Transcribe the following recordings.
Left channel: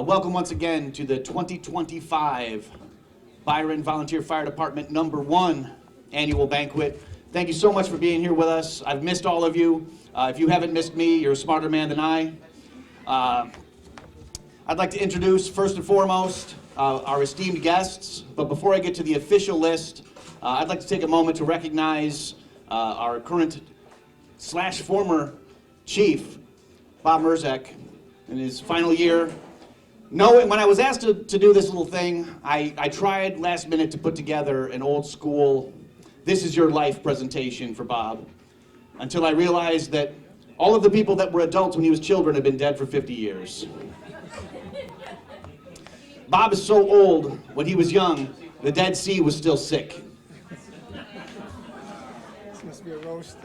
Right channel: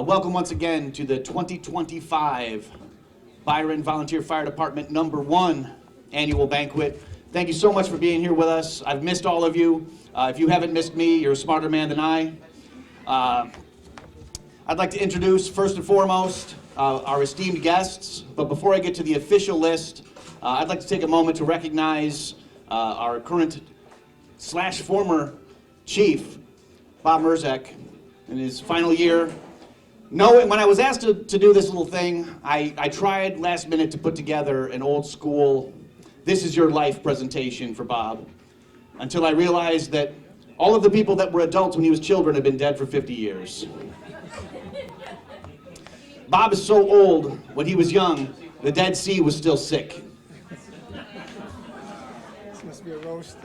Welcome once again to the 2025 Byron Volunteer Fire Department #1 annual banquet. Thank you so much for being here with us. I've missed all of you. If you haven't missed me, you're a smarter man than I. I'd like to introduce, first and foremost, our esteemed guests. But before I get to the official list, I'd like to take a moment to recognize our current / former chief, Bob Mruczek, in his final year. When I was asked to do this little thing, I tried last minute to put together an old school, this is your life presentation for Bob, until I realized that all of the people that were adults when he was children had been dead for 50 years. Bob is so old, when he was young, the Dead Sea was still sick. This must be a roast.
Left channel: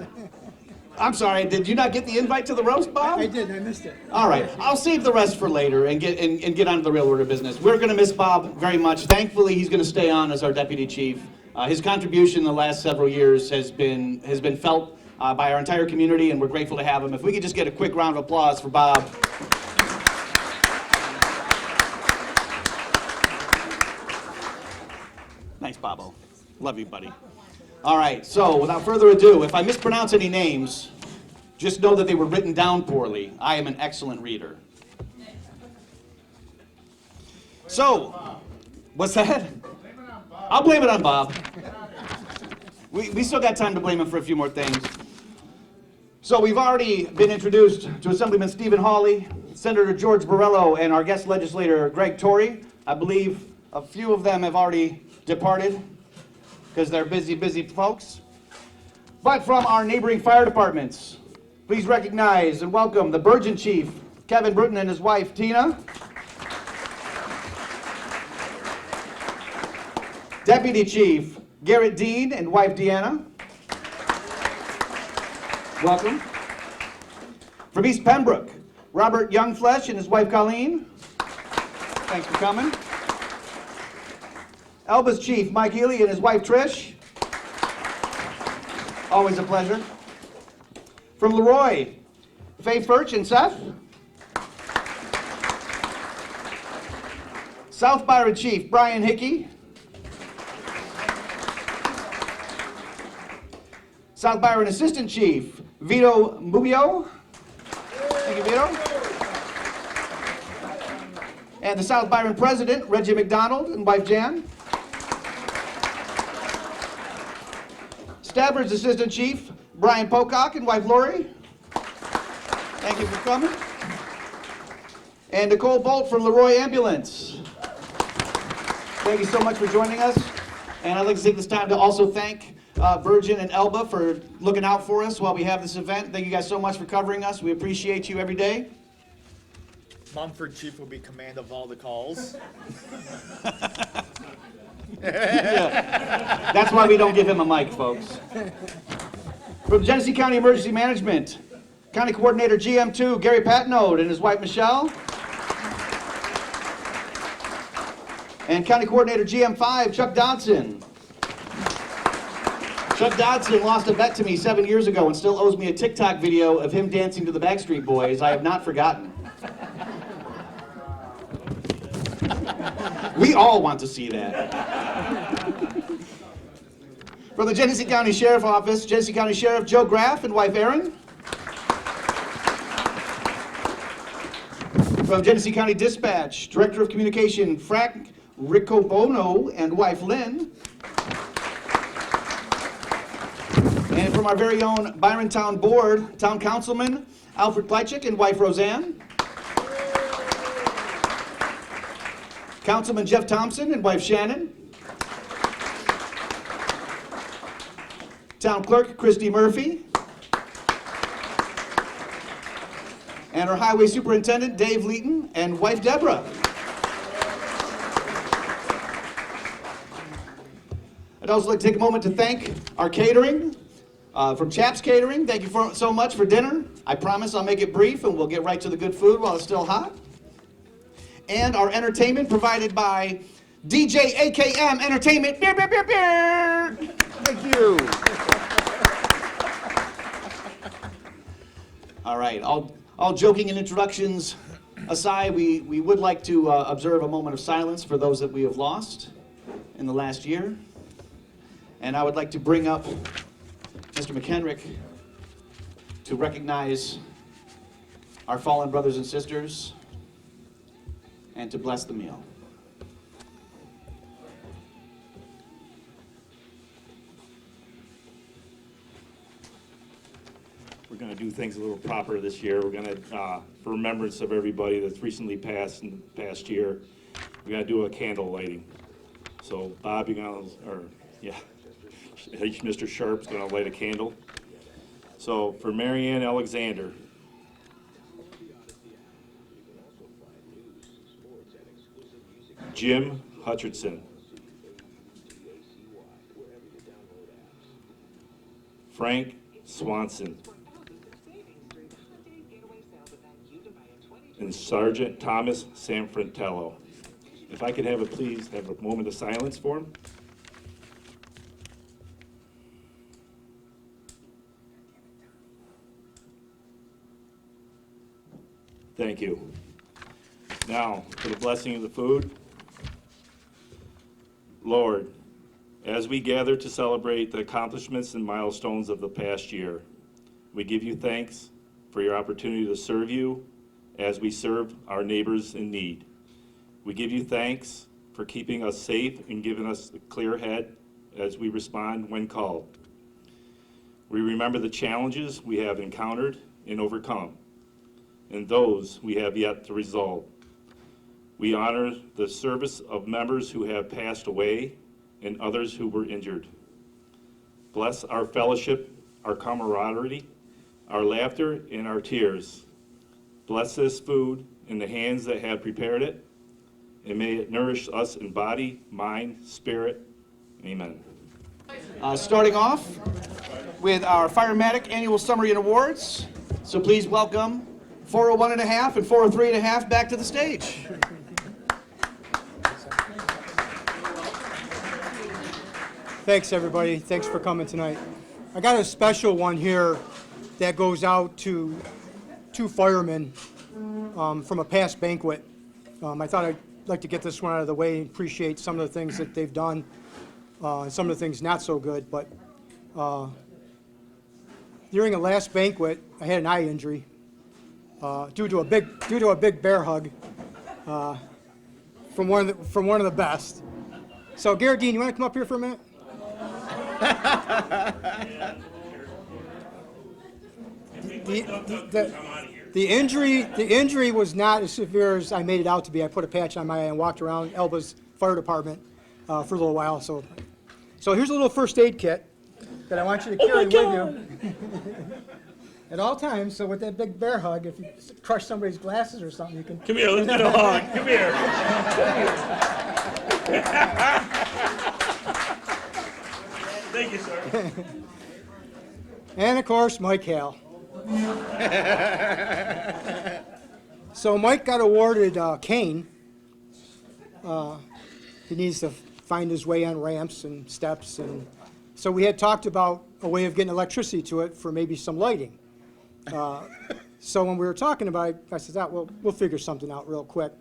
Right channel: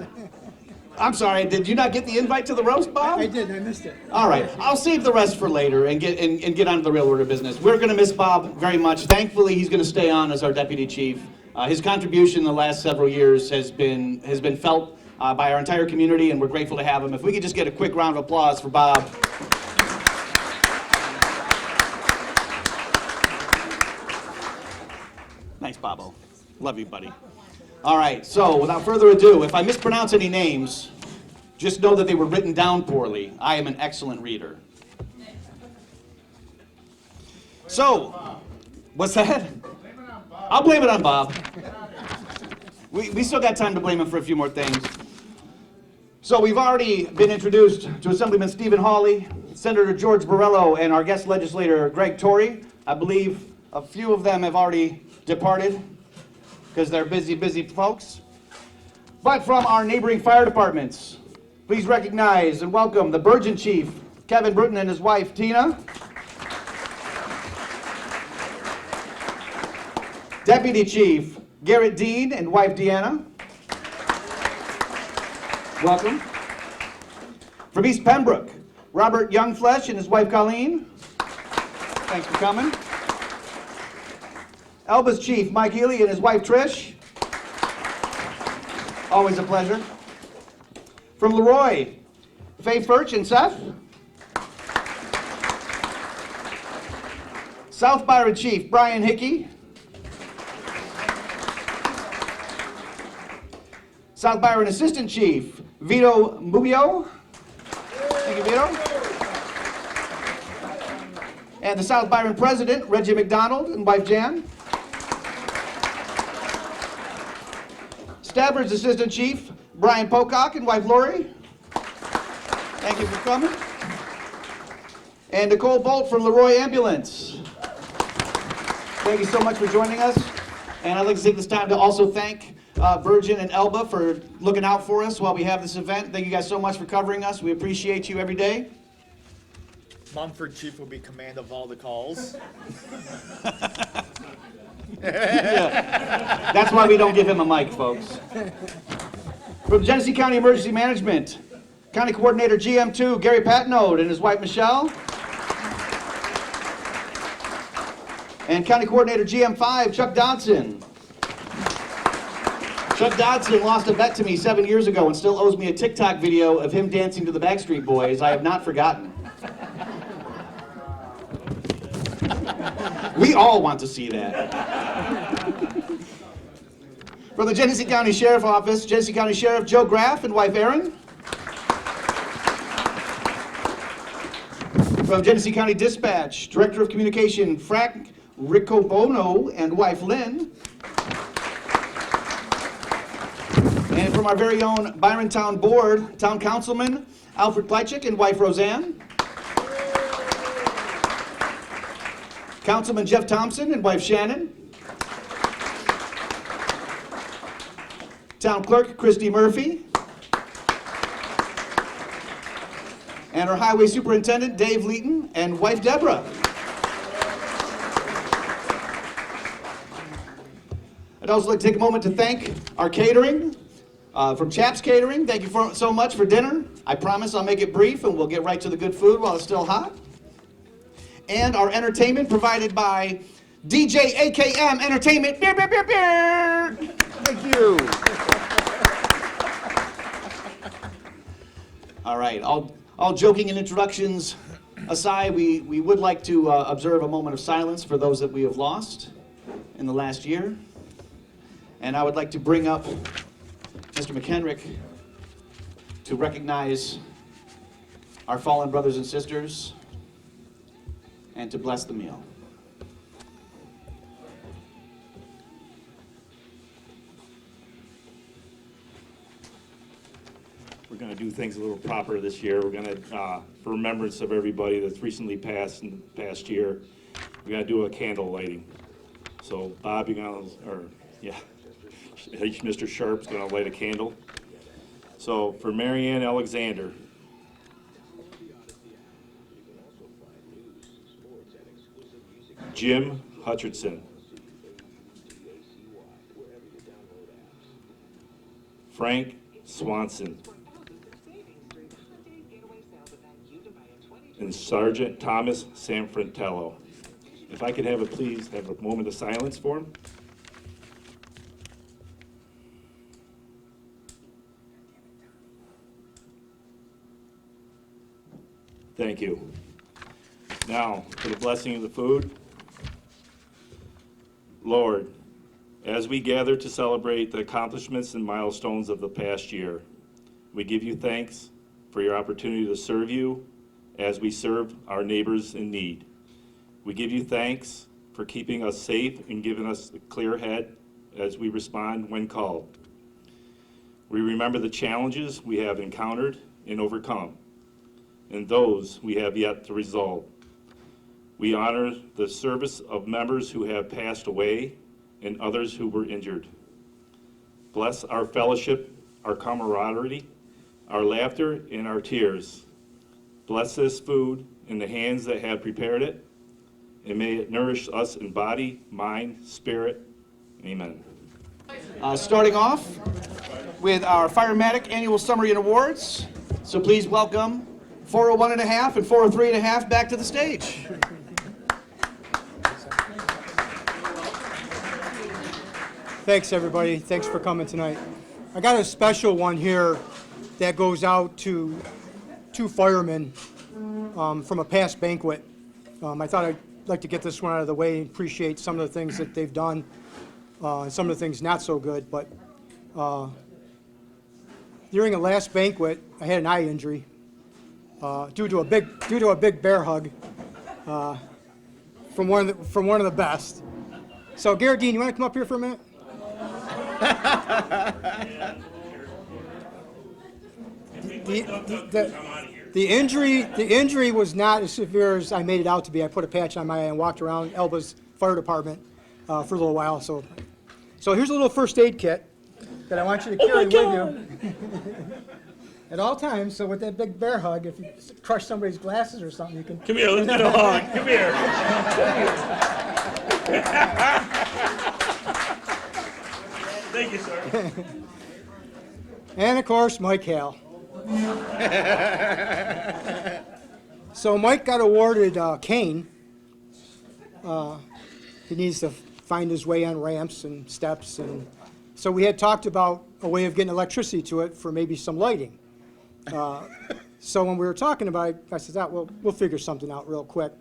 I'm sorry, did you not get the invite to the roast, Bob? I did, I missed it. All right, I'll save the rest for later and get on to the real order of business. We're gonna miss Bob very much. Thankfully, he's gonna stay on as our deputy chief. His contribution in the last several years has been felt by our entire community, and we're grateful to have him. If we could just get a quick round of applause for Bob. Nice, Bobo. Love you, buddy. All right, so without further ado, if I mispronounce any names, just know that they were written down poorly. I am an excellent reader. So, what's that? I'll blame it on Bob. We still got time to blame him for a few more things. So we've already been introduced to Assemblyman Stephen Hawley, Senator George Borrello, and our guest legislator Greg Torrey. I believe a few of them have already departed because they're busy folks. But from our neighboring fire departments, please recognize and welcome the Burgeon Chief, Kevin Bruton, and his wife, Tina. Deputy Chief, Garrett Dean, and wife, Deanna. Welcome. From East Pembroke, Robert Youngflesh and his wife, Kyleena. Thanks for coming. Elba's Chief, Mike Healy, and his wife, Trish. Always a pleasure. From Leroy, Faye Furch and Seth. South Byron Chief, Brian Hickey. South Byron Assistant Chief, Vito Mubio. Thank you, Vito. And the South Byron President, Reggie McDonald, and wife, Jan. Stafford's Assistant Chief, Brian Pocock, and wife, Lori. Thank you for coming. And Nicole Bolt from Leroy Ambulance. Thank you so much for joining us. And I'd like to take this time to also thank Virgin and Elba for looking out for us while we have this event. Thank you guys so much for covering us. We appreciate you every day. Mumford Chief will be command of all the calls. Yeah. That's why we don't give him a mic, folks. From Genesee County Emergency Management, County Coordinator GM2, Gary Patnode, and his wife, Michelle. And County Coordinator GM5, Chuck Dodson. Chuck Dodson lost a bet to me 7 years ago and still owes me a TikTok video of him dancing to the Backstreet Boys. I have not forgotten. We all want to see that. From the Genesee County Sheriff Office, Genesee County Sheriff Joe Graff and wife Erin. From Genesee County Dispatch, Director of Communication Frank Riccobono and wife Lynn. And from our very own Byron Town Board, Town Councilman Alfred Plychik and wife Roseanne. Councilman Jeff Thompson and wife Shannon. Town Clerk Christy Murphy. And our Highway Superintendent Dave Leeton and wife Deborah. I'd also like to take a moment to thank our catering. From Chaps Catering, thank you so much for dinner. I promise I'll make it brief and we'll get right to the good food while it's still hot. And our entertainment provided by DJ AKM Entertainment. Beer, beer, beer, beer. Thank you. All right, all joking and introductions aside, we would like to observe a moment of silence for those that we have lost in the last year. And I would like to bring up Mr. McHenrick to recognize our fallen brothers and sisters and to bless the meal. We're going to do things a little proper this year. We're going to, for remembrance of everybody that's recently passed in the past year, we're going to do a candle lighting. So Bob, you're going to, or yeah, Mr. Sharp's going to light a candle. So for Marianne Alexander, Jim Hutcherson, Frank Swanson, and Sergeant Thomas Sanfratello. If I could have it, please have a moment of silence for him. Thank you. Now, for the blessing of the food. Lord, as we gather to celebrate the accomplishments and milestones of the past year, we give you thanks for your opportunity to serve you as we serve our neighbors in need. We give you thanks for keeping us safe and giving us a clear head as we respond when called. We remember the challenges we have encountered and overcome, and those we have yet to resolve. We honor the service of members who have passed away and others who were injured. Bless our fellowship, our camaraderie, our laughter, and our tears. Bless this food in the hands that have prepared it, and may it nourish us in body, mind, spirit. Amen. Starting off with our Firematic Annual Summary and Awards. So please welcome 401 and a half and 403 and a half back to the stage. Thanks, everybody. Thanks for coming tonight. I got a special one here that goes out to two firemen from a past banquet. I thought I'd like to get this one out of the way and appreciate some of the things that they've done, and some of the things not so good. But during a last banquet, I had an eye injury due to a big bear hug from one of the best. So, Garrett Dean, you want to come up here for a minute? The injury was not as severe as I made it out to be. I put a patch on my eye and walked around Elba's Fire Department for a little while. So here's a little first aid kit that I want you to carry with you at all times. So with that big bear hug, if you crush somebody's glasses or something, you can. Come here, let's get a hug. Come here. Thank you, sir. And of course, Mike Hale. So Mike got awarded a cane. He needs to find his way on ramps and steps, and so we had talked about a way of getting electricity to it for maybe some lighting. So when we were talking about it, I said, well, we'll figure something out real quick.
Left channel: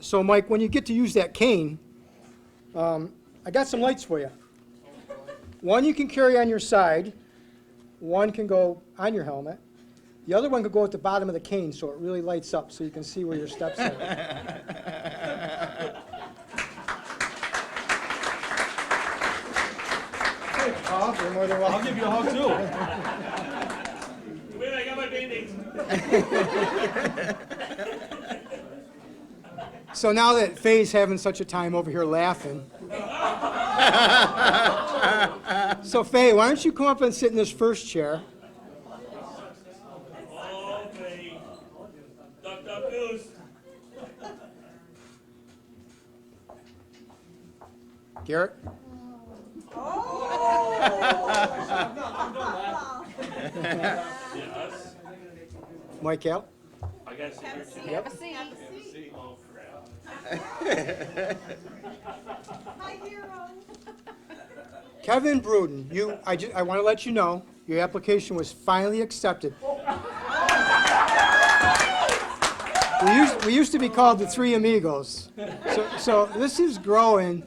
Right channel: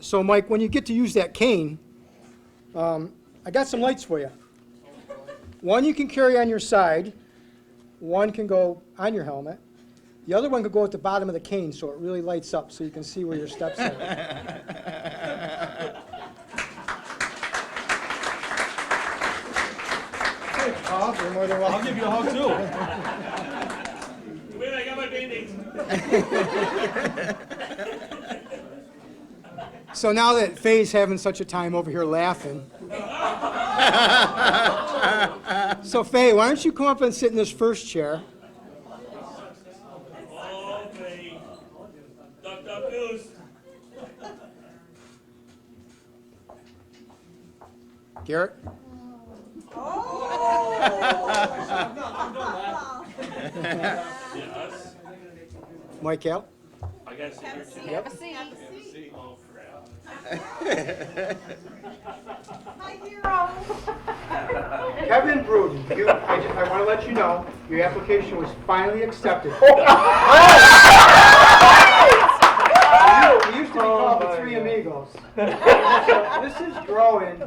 So Mike, when you get to use that cane, I got some lights for you. One you can carry on your side, one can go on your helmet, the other one could go at the bottom of the cane so it really lights up so you can see where your steps are. You're more than welcome. I'll give you a hug too. Wait, I got my Band-Aids. So now that Faye's having such a time over here laughing. So Faye, why don't you come up and sit in this first chair? Oh, Faye. Duck, duck, goose. Garrett? Yes. Mike Hale? I got to sit here too. Have a seat. Oh, crap. My hero. Kevin Bruton, I want to let you know, your application was finally accepted. We used to be called the Three Amigos. So this is growing,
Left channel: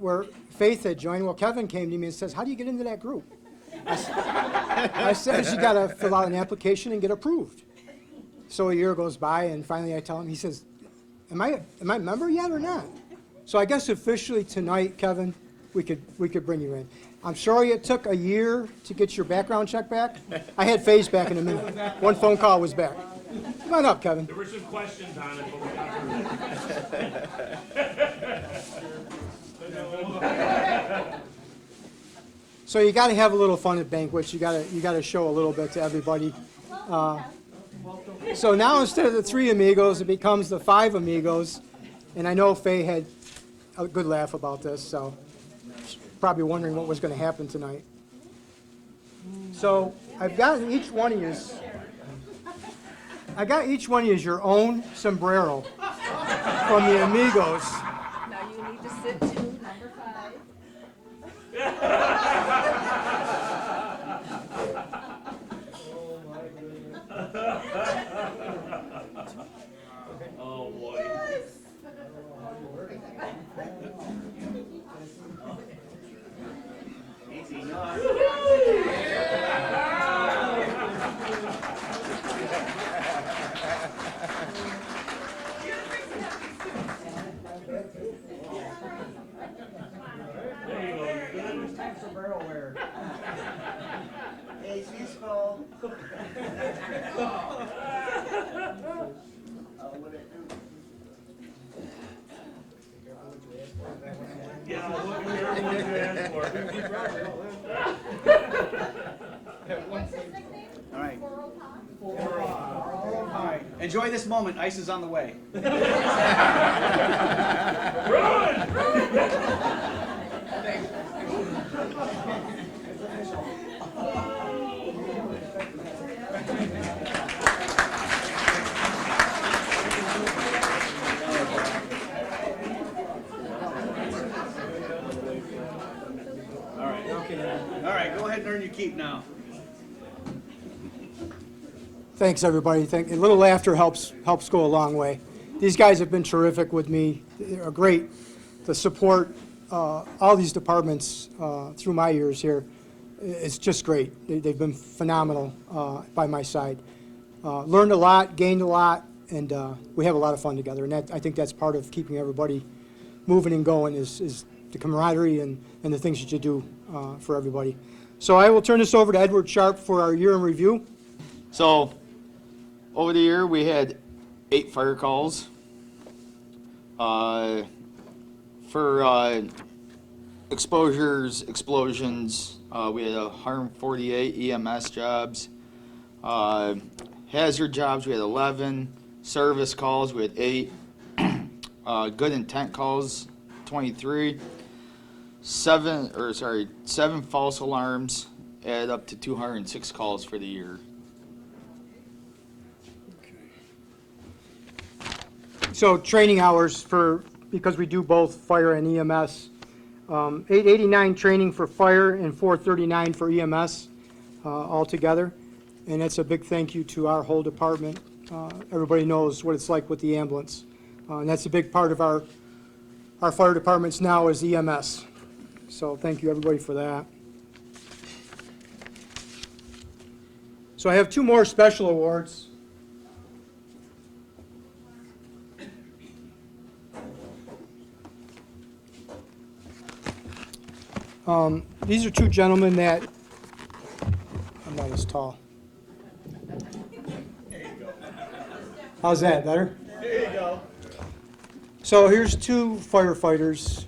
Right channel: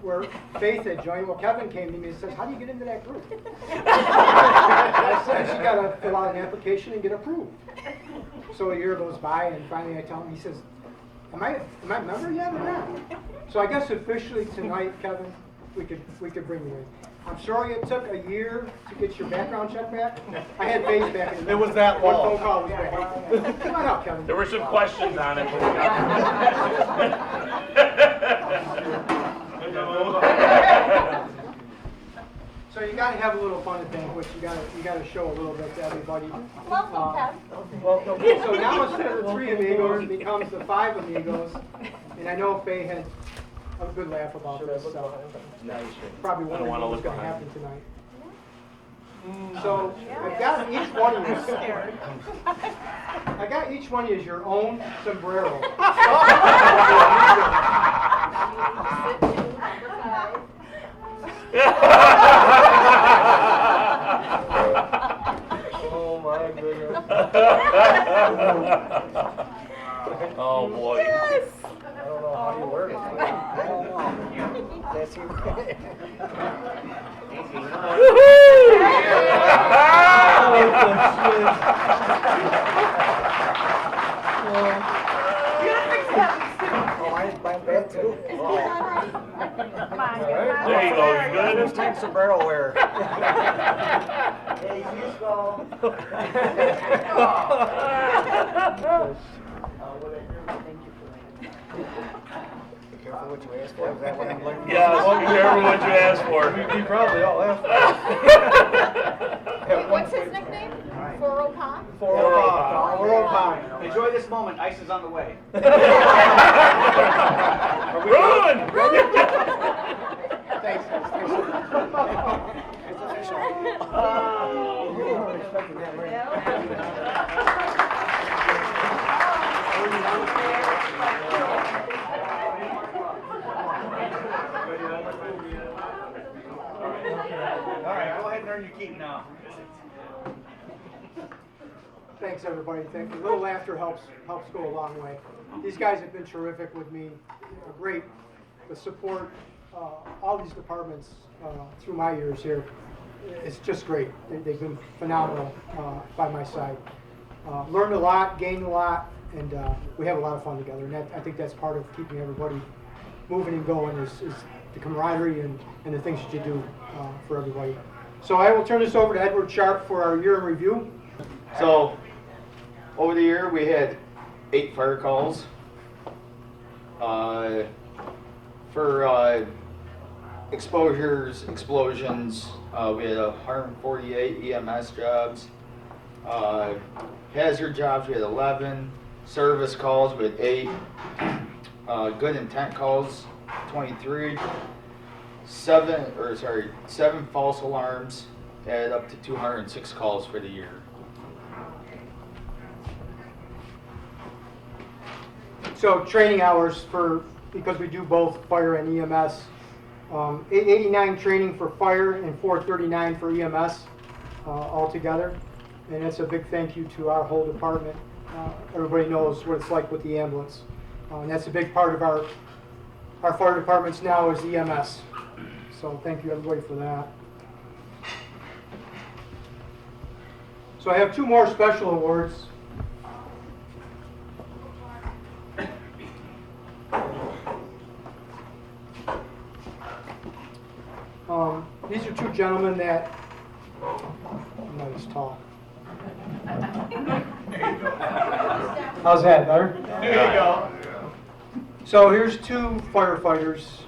where Faith had joined. Well, Kevin came to me and says, how do you get into that group? And I said, you got to fill out an application and get approved. So a year goes by, and finally I tell him, he says, am I a member yet or not? So I guess officially tonight, Kevin, we could bring you in. I'm sorry it took a year to get your background check back. I had Faye's back in a minute. It was that One long. phone call was back. Come on up, Kevin. There were some questions on it, but we got So you got to have a little fun at banquets. You got to show a little bit to everybody. So now instead of the Three Amigos, it becomes the Five Amigos. And I know Faye had a good laugh about this, so probably wondering what was going to happen tonight. So I've got each one of you. I got each one of you your own sombrero from the Amigos. Oh my goodness. Oh, boy. I don't know how you work it. I don't know. That's okay. I'm bad too. There you go, you good? First time sombrero wearer. Hey, you go. Yeah, what you asked for. We probably all asked for What's his nickname? 405? 405. Enjoy this moment. Ice is on the way. Run! All right, go ahead and earn your keep now. Thanks, everybody. A little laughter helps go a long way. These guys have been terrific with me. They're great to support all these departments through my years here. It's just great. They've been phenomenal by my side. Learned a lot, gained a lot, and we have a lot of fun together. And I think that's part of keeping everybody moving and going is the camaraderie and the things that you do for everybody. So I will turn this over to Edward Sharp for our year in review. So, over the year, we had 8 fire calls. For exposures, explosions, we had 148 EMS jobs. Hazard jobs, we had 11. Service calls, we had 8. Good intent calls, 23. 7 false alarms, added up to 206 calls for the year. So training hours because we do both fire and EMS, 889 training for fire and 439 for EMS altogether. And that's a big thank you to our whole department. Everybody knows what it's like with the ambulance. And that's a big part of our fire departments now is EMS. So thank you everybody for that. So I have 2 more special awards. These are 2 gentlemen that, I'm not as tall. How's that, better? There you go. So here's 2 firefighters.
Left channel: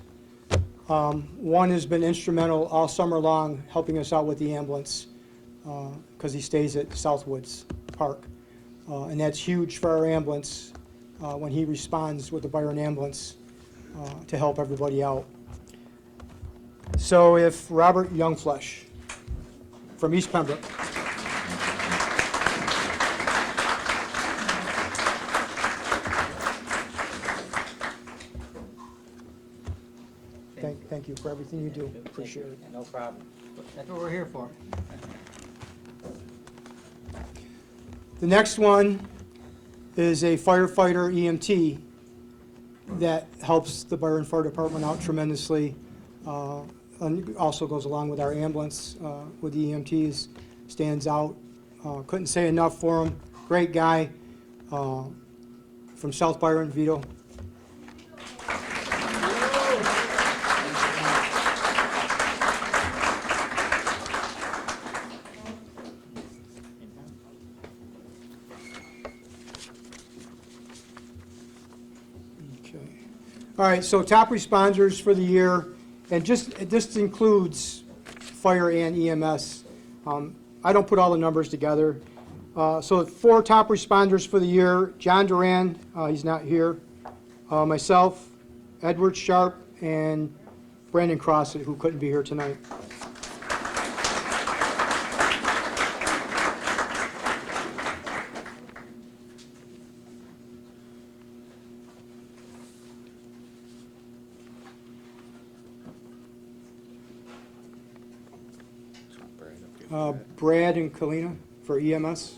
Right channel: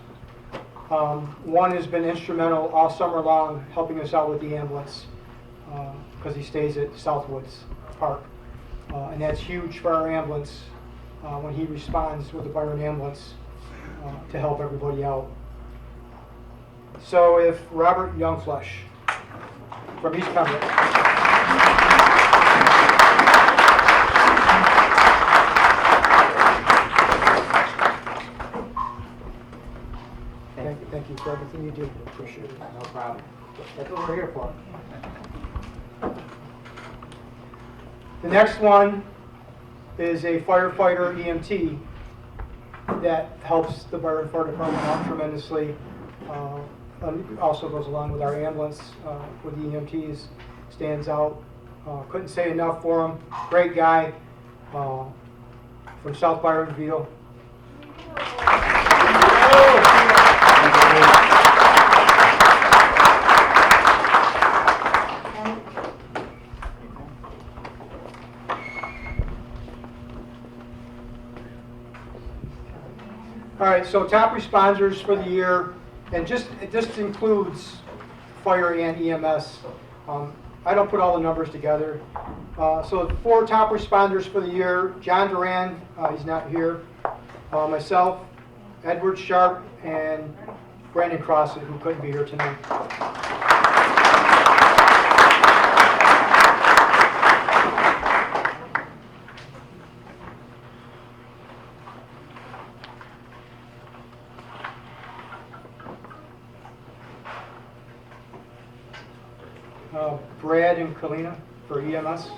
One has been instrumental all summer long helping us out with the ambulance because he stays at Southwoods Park. And that's huge for our ambulance when he responds with the Byron ambulance to help everybody out. So if Robert Youngflesh from East Pembroke. Thank you for everything you do. Appreciate it. No problem. That's what we're here for. The next one is a firefighter EMT that helps the Byron Fire Department out tremendously. And also goes along with our ambulance with the EMTs, stands out. Couldn't say enough for him. Great guy from South Byron, Vito. All right, so top responders for the year, and it just includes fire and EMS. I don't put all the numbers together. So 4 top responders for the year: John Durand, he's not here, myself, Edward Sharp, and Brandan Crossett, who couldn't be here tonight. Brad and Kyleena for EMS.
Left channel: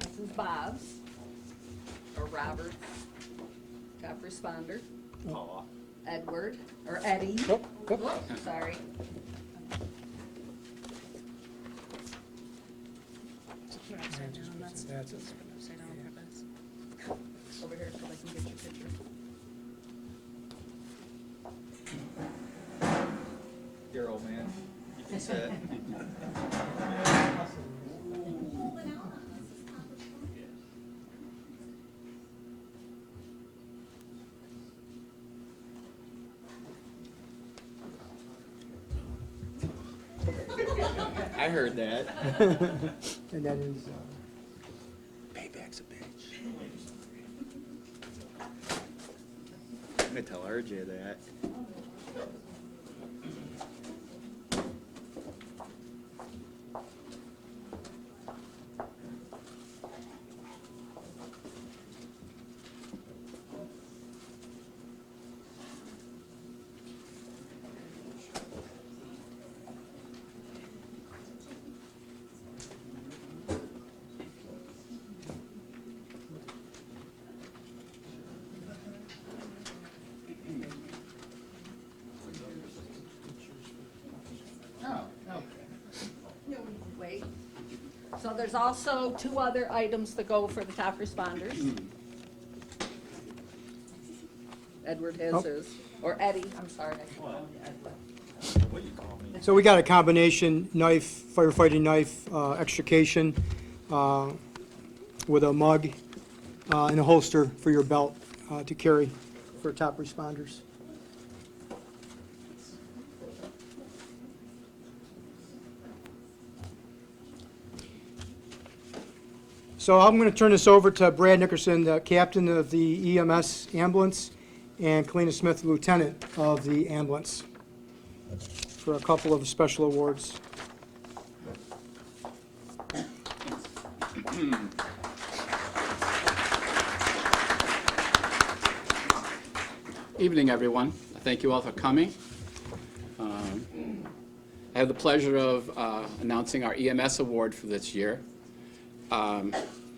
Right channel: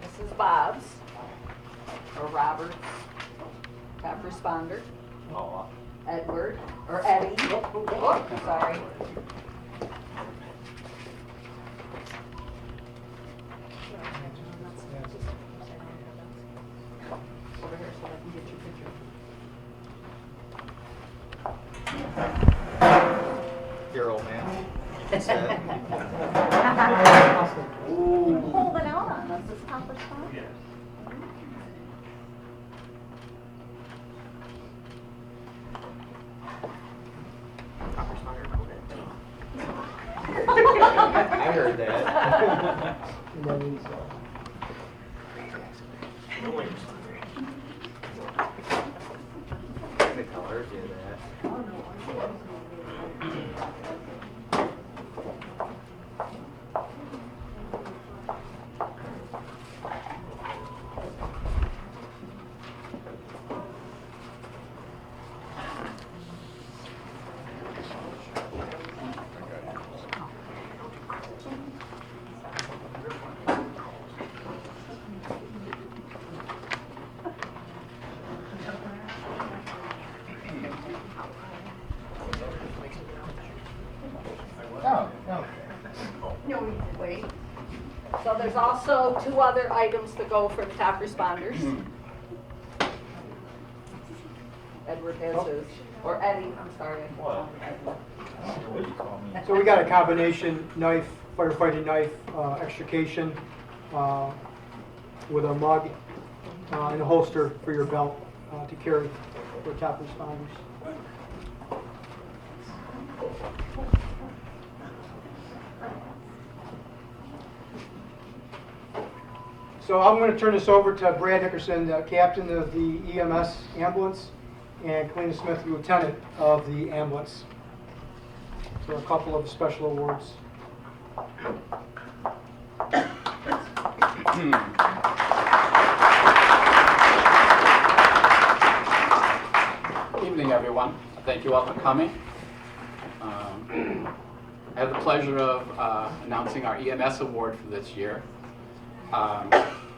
This is Bob's, or Robert's, top responder. Edward, or Eddie. Oh, sorry. Here, old man. You can sit. Hold it on, this is top responder. I heard that. And that is, I could tell RJ that. Wait. So there's also 2 other items to go for the top responders. Edward has his, or Eddie, I'm sorry. What'd you call me? so we got a combination knife, firefighting knife, extrication with a mug and a holster for your belt to carry for top responders. So I'm going to turn this over to Brad Nickerson, the captain of the EMS ambulance, and Kyleena Smith, lieutenant of the ambulance, for a couple of special awards. Evening, everyone. Thank you all for coming. I have the pleasure of announcing our EMS award for this year.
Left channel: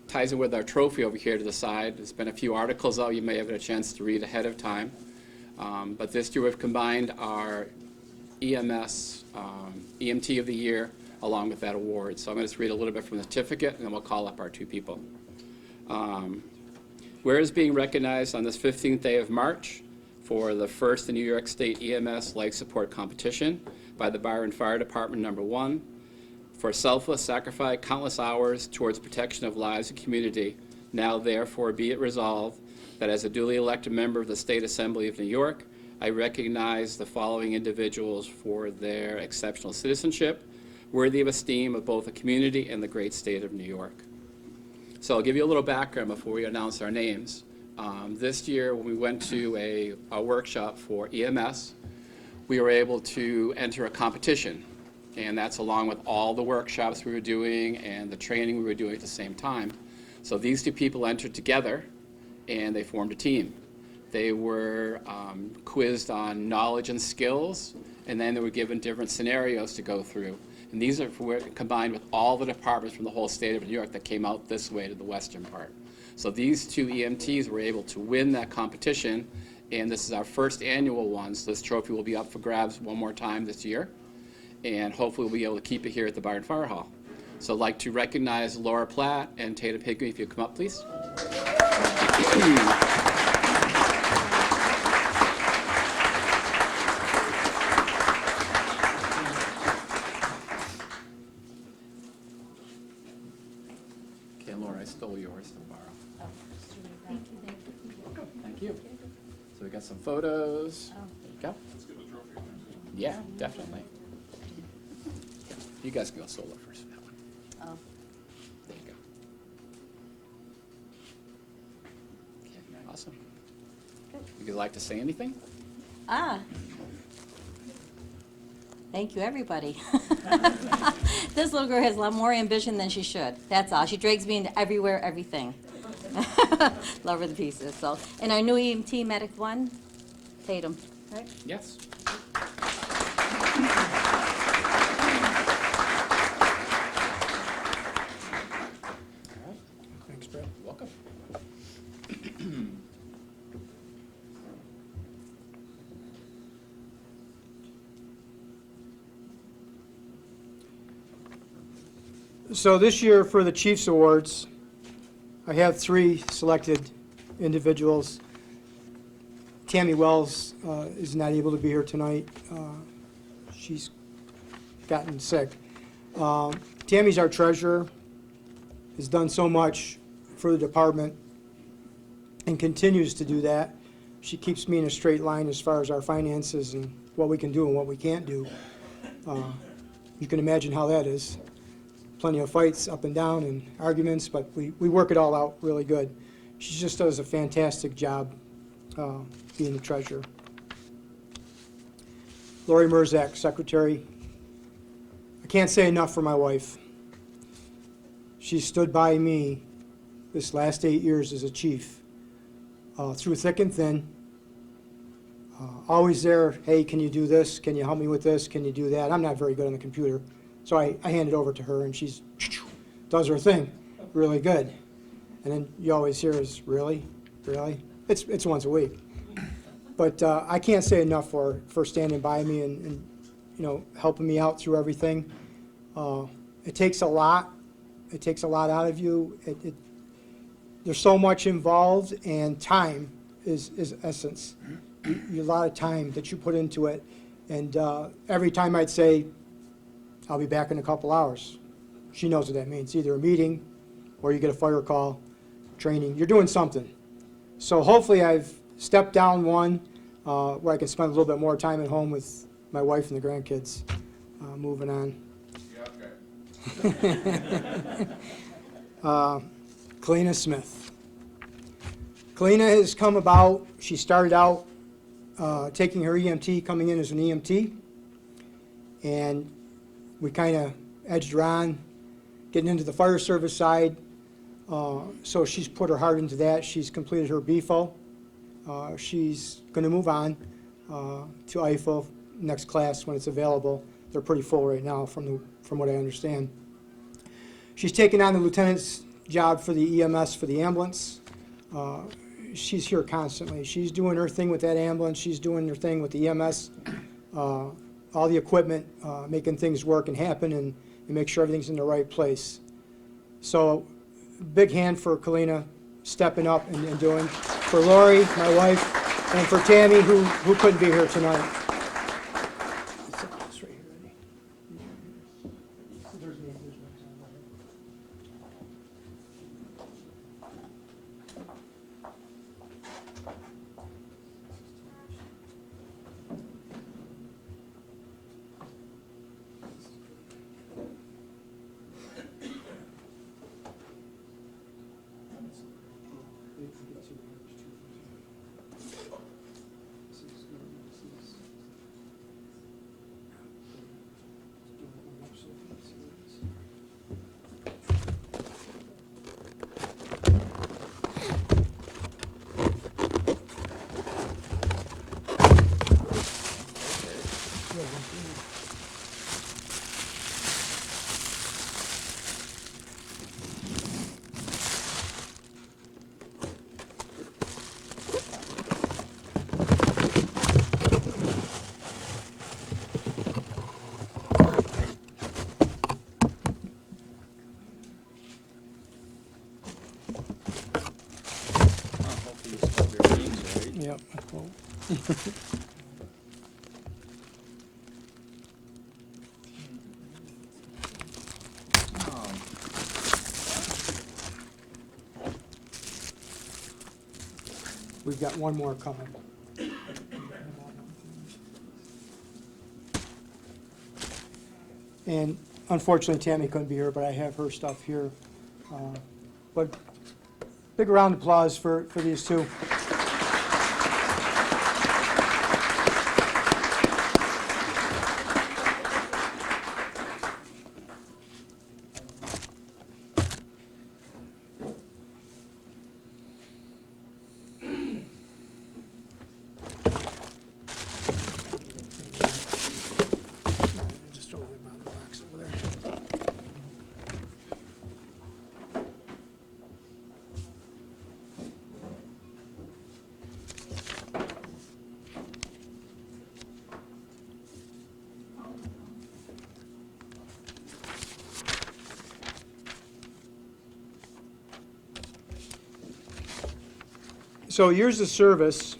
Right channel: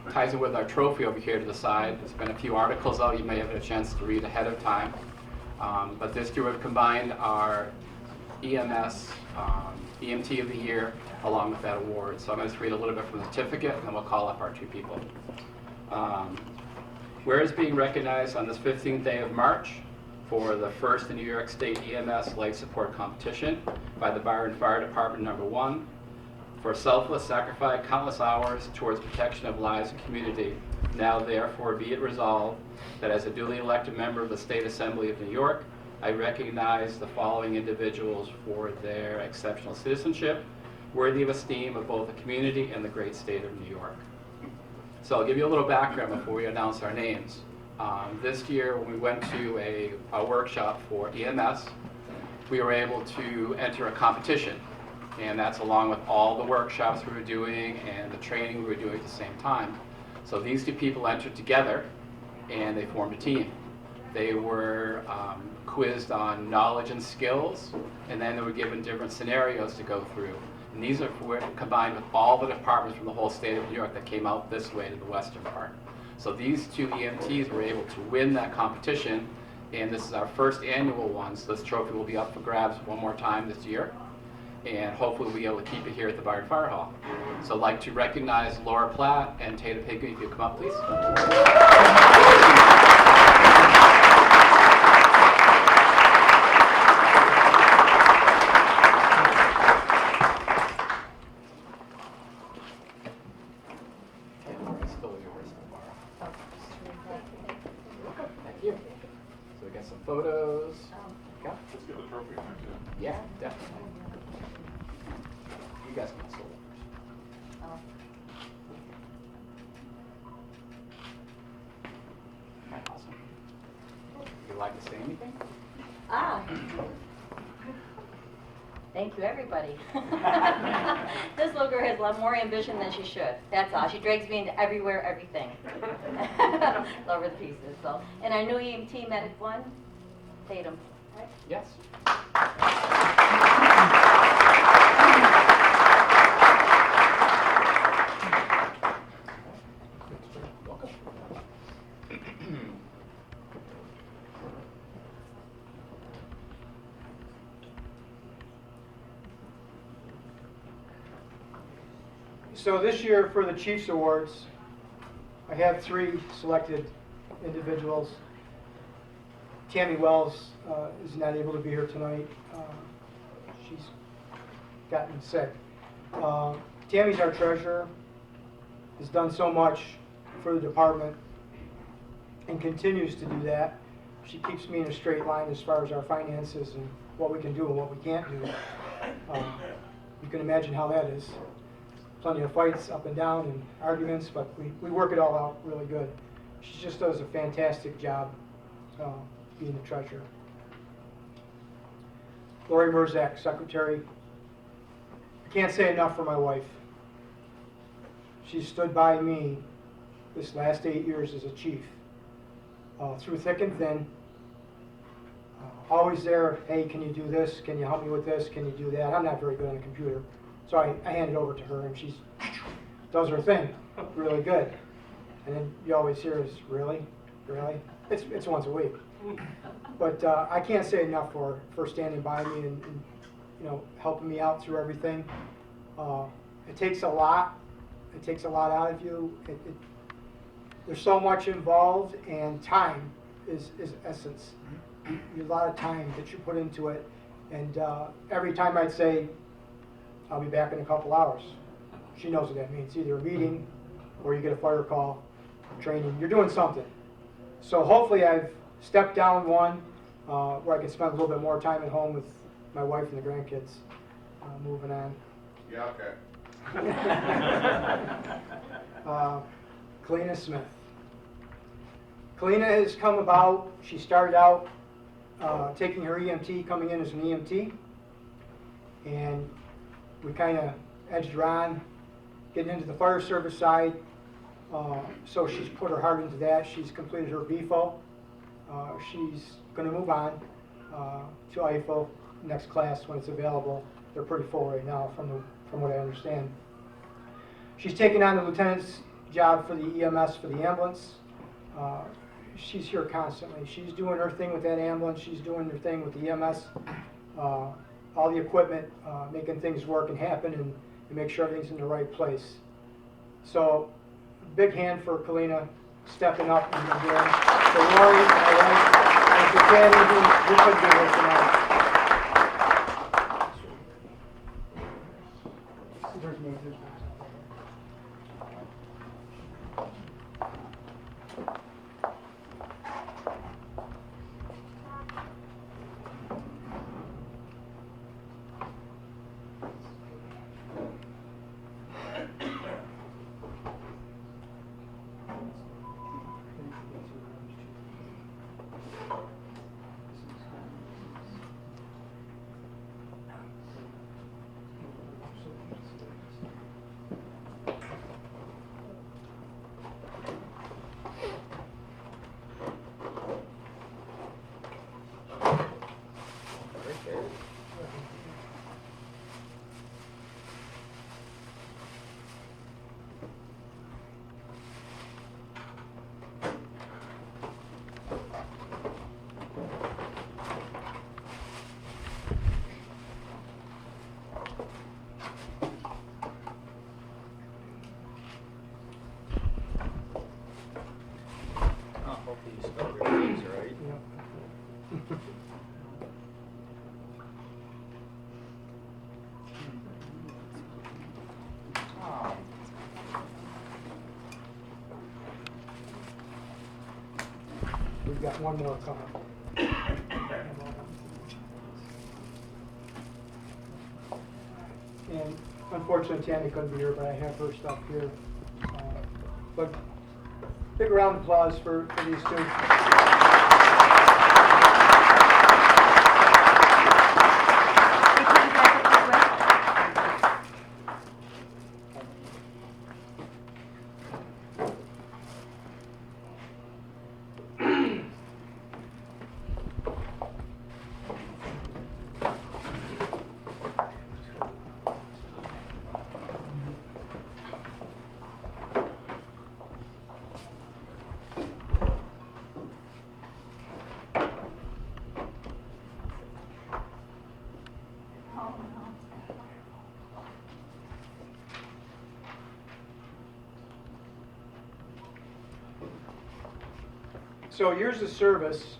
Ties in with our trophy over here to the side. There's been a few articles out you may have had a chance to read ahead of time. But this year we've combined our EMS EMT of the year along with that award. So I'm going to read a little bit from the certificate and then we'll call up our 2 people. Whereas being recognized on this 15th day of March for the first New York State EMS Life Support Competition by the Byron Fire Department #1, for selfless sacrifice countless hours towards protection of lives and community. Now therefore be it resolved that as a duly elected member of the State Assembly of New York, I recognize the following individuals for their exceptional citizenship, worthy of esteem of both the community and the great state of New York. So I'll give you a little background before we announce our names. This year when we went to a workshop for EMS, we were able to enter a competition. And that's along with all the workshops we were doing and the training we were doing at the same time. So these two people entered together and they formed a team. They were quizzed on knowledge and skills, and then they were given different scenarios to go through. And these were combined with all the departments from the whole state of New York that came out this way to the western part. So these two EMTs were able to win that competition, and this is our first annual one, so this trophy will be up for grabs one more time this year, and hopefully we'll be able to keep it here at the Byron Fire Hall. So I'd like to recognize Laura Platt and Tatum, if you come up, please. Thank you. So we got some photos. Okay. Let's get the trophy. Yeah, definitely. You guys can get sold first. Awesome. Would you like to say anything? Thank you, everybody. This little girl has a lot more ambition than she should. That's all. She drags me into everywhere, everything. Love her to pieces. So, and our new EMT medic one, Tatum. Right? Yes. Welcome. So this year for the Chiefs Awards, I have 3 selected individuals. Tammy Wells is not able to be here tonight. She's gotten sick. Tammy's our treasurer, has done so much for the department and continues to do that. She keeps me in a straight line as far as our finances and what we can do and what we can't do. You can imagine how that is. Plenty of fights up and down and arguments, but we work it all out really good. She just does a fantastic job being the treasurer. Lori Mruczek, secretary. I can't say enough for my wife. She stood by me this last 8 years as a chief, through thick and thin. Always there, hey, can you do this? Can you help me with this? Can you do that? I'm not very good on the computer. So I hand it over to her, and she does her thing really good. And then you always hear is, really? Really? It's once a week. But I can't say enough for standing by me and you know, helping me out through everything. It takes a lot. It takes a lot out of you. There's so much involved, and time is essence. A lot of time that you put into it. And every time I'd say, I'll be back in a couple hours. She knows what that means. Either a meeting or you get a fire call, training. You're doing something. So hopefully I've stepped down one where I can spend a little bit more time at home with my wife and the grandkids. Moving on. Yeah, okay. Kyleena Smith. Kyleena has come about, she started out taking her EMT, coming in as an EMT, and we kind of edged her on, getting into the fire service side. So she's put her heart into that. She's completed her BFO. She's going to move on to IFO next class when it's available. They're pretty full right now from what I understand. She's taken on the lieutenant's job for the EMS for the ambulance. She's here constantly. She's doing her thing with that ambulance. She's doing her thing with the EMS. All the equipment, making things work and happen, and make sure everything's in the right place. So, big hand for Kyleena stepping up and doing. For Lori, my wife, and for Tammy, who couldn't be here tonight. We've got one more coming. And unfortunately, Tammy couldn't be here, but I have her stuff here. But big round of applause for these two. So years of service,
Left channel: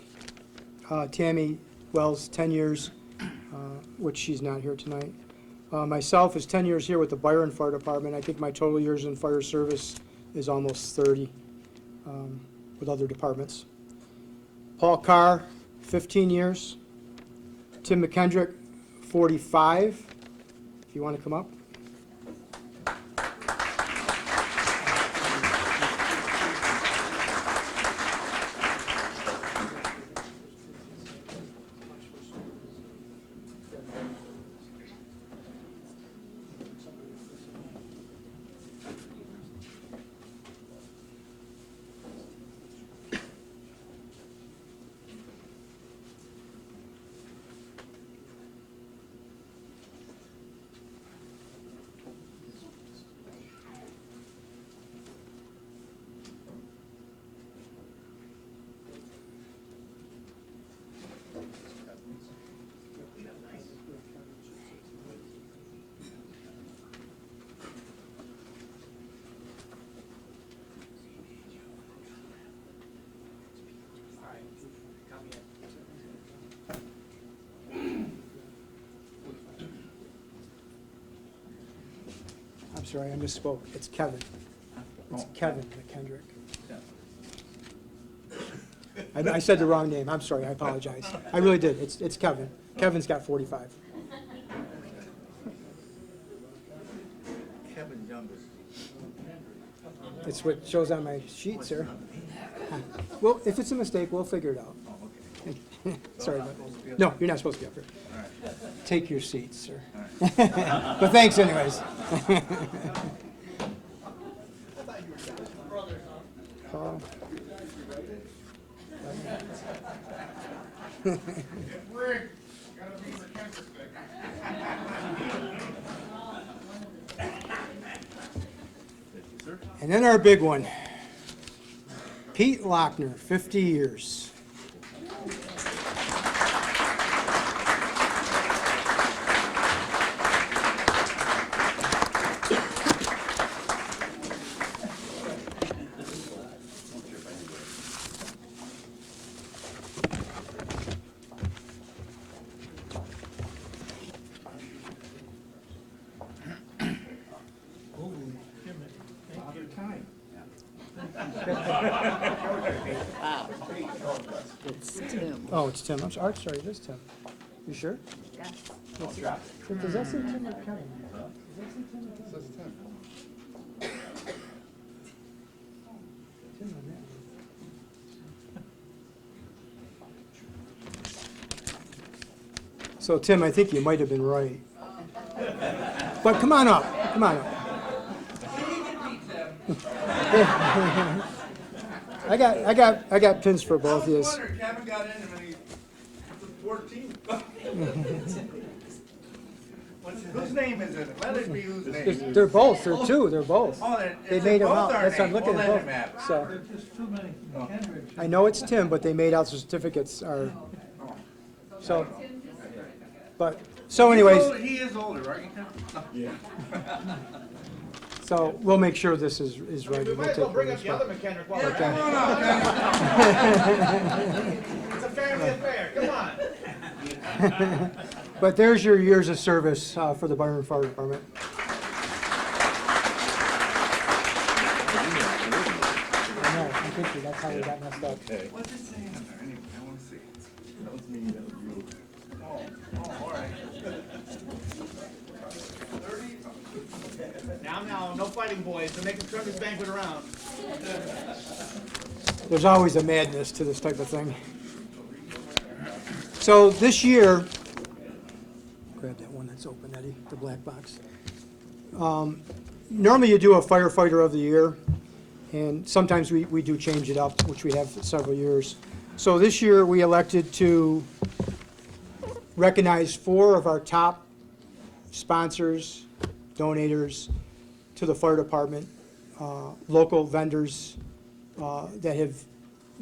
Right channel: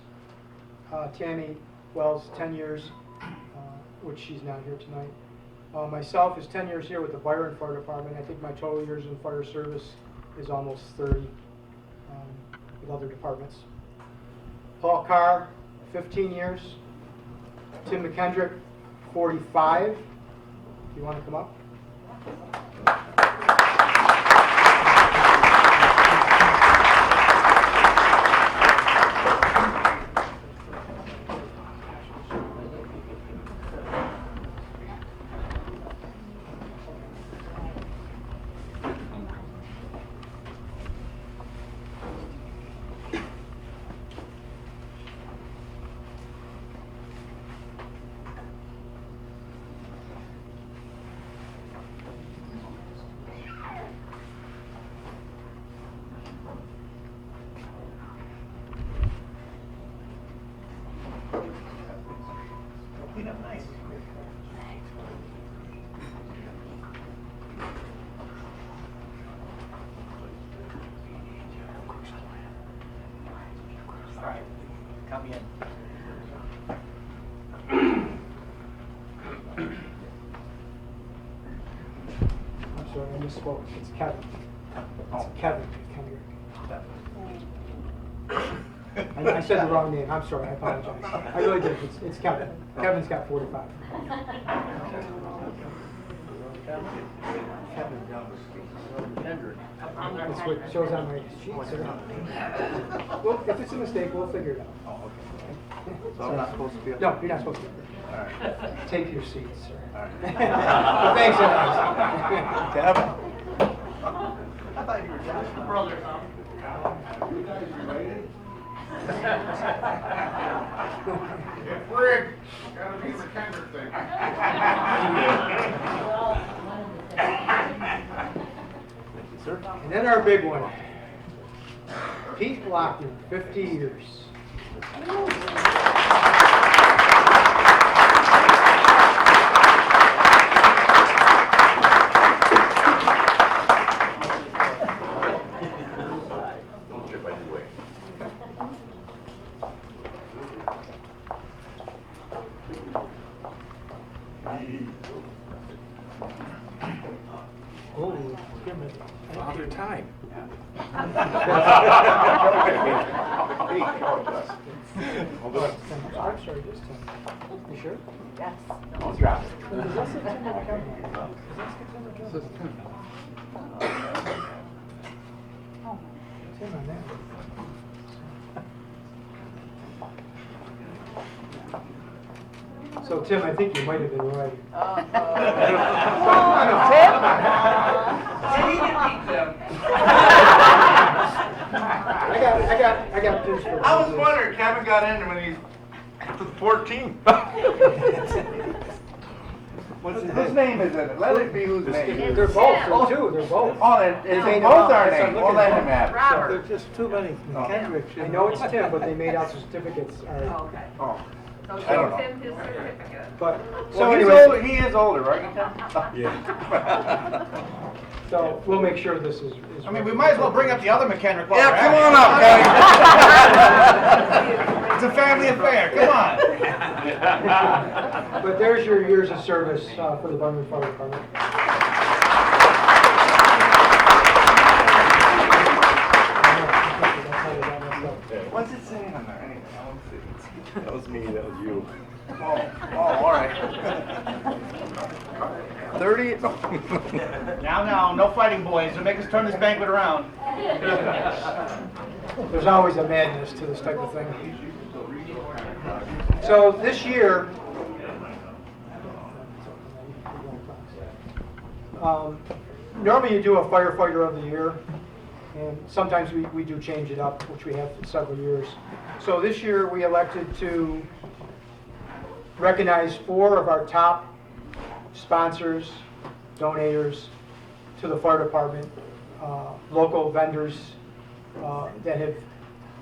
Tammy Wells, 10 years, which she's not here tonight. Myself is 10 years here with the Byron Fire Department. I think my total years in fire service is almost 30 with other departments. Paul Carr, 15 years. Tim McKendrick, 45. If you want to come up. I'm sorry, I misspoke. It's Kevin. It's Kevin McKendrick. I said the wrong name. I'm sorry. I apologize. I really did. It's Kevin. Kevin's got 45. That's what shows on my sheet, sir. Well, if it's a mistake, we'll figure it out. Sorry. No, you're not supposed to be up there. Take your seats, sir. But thanks, anyways. Kevin. I thought you were brothers, Rick, gotta be the tender thing. And then our big one, Pete Lochner, 50 years. Oh, it's Tim. I'm sorry, this Tim. You sure? Yes. Don't drop it. Does that say Tim or Kevin? Does that say Tim or Kevin? It says Tim. Oh, Tim on that. So Tim, I think you might have been right. But come on up. Come on. I got pins for both I of was this. wondering, Kevin got in when he was 14. Whose name is it? Let it be whose name. They're both. They're two. They're both. Oh, it's They made both it our up. names. Well, let him have it. Robert. There's just too many Kendricks. I know it's Tim, but they made out certificates. Are, Oh. So I don't know. Tim his certificate. but so Well, he's anyways, older- he is older, right? Yeah. so we'll make sure this is. I mean, we might as well bring up the other McKendrick. Yeah, come on up, guys. It's a family being fair, come on. But there's your years of service for the Byron Fire Department. What's it saying on there anyway? I want to see. That was me, that was you. Oh, all right. 30. Now, no fighting boys. They're making us turn this banquet around. There's always a madness to this type of thing. So this year, normally you do a firefighter of the year, and sometimes we do change it up, which we have for several years. So this year we elected to recognize 4 of our top sponsors, donators to the fire department, local vendors that have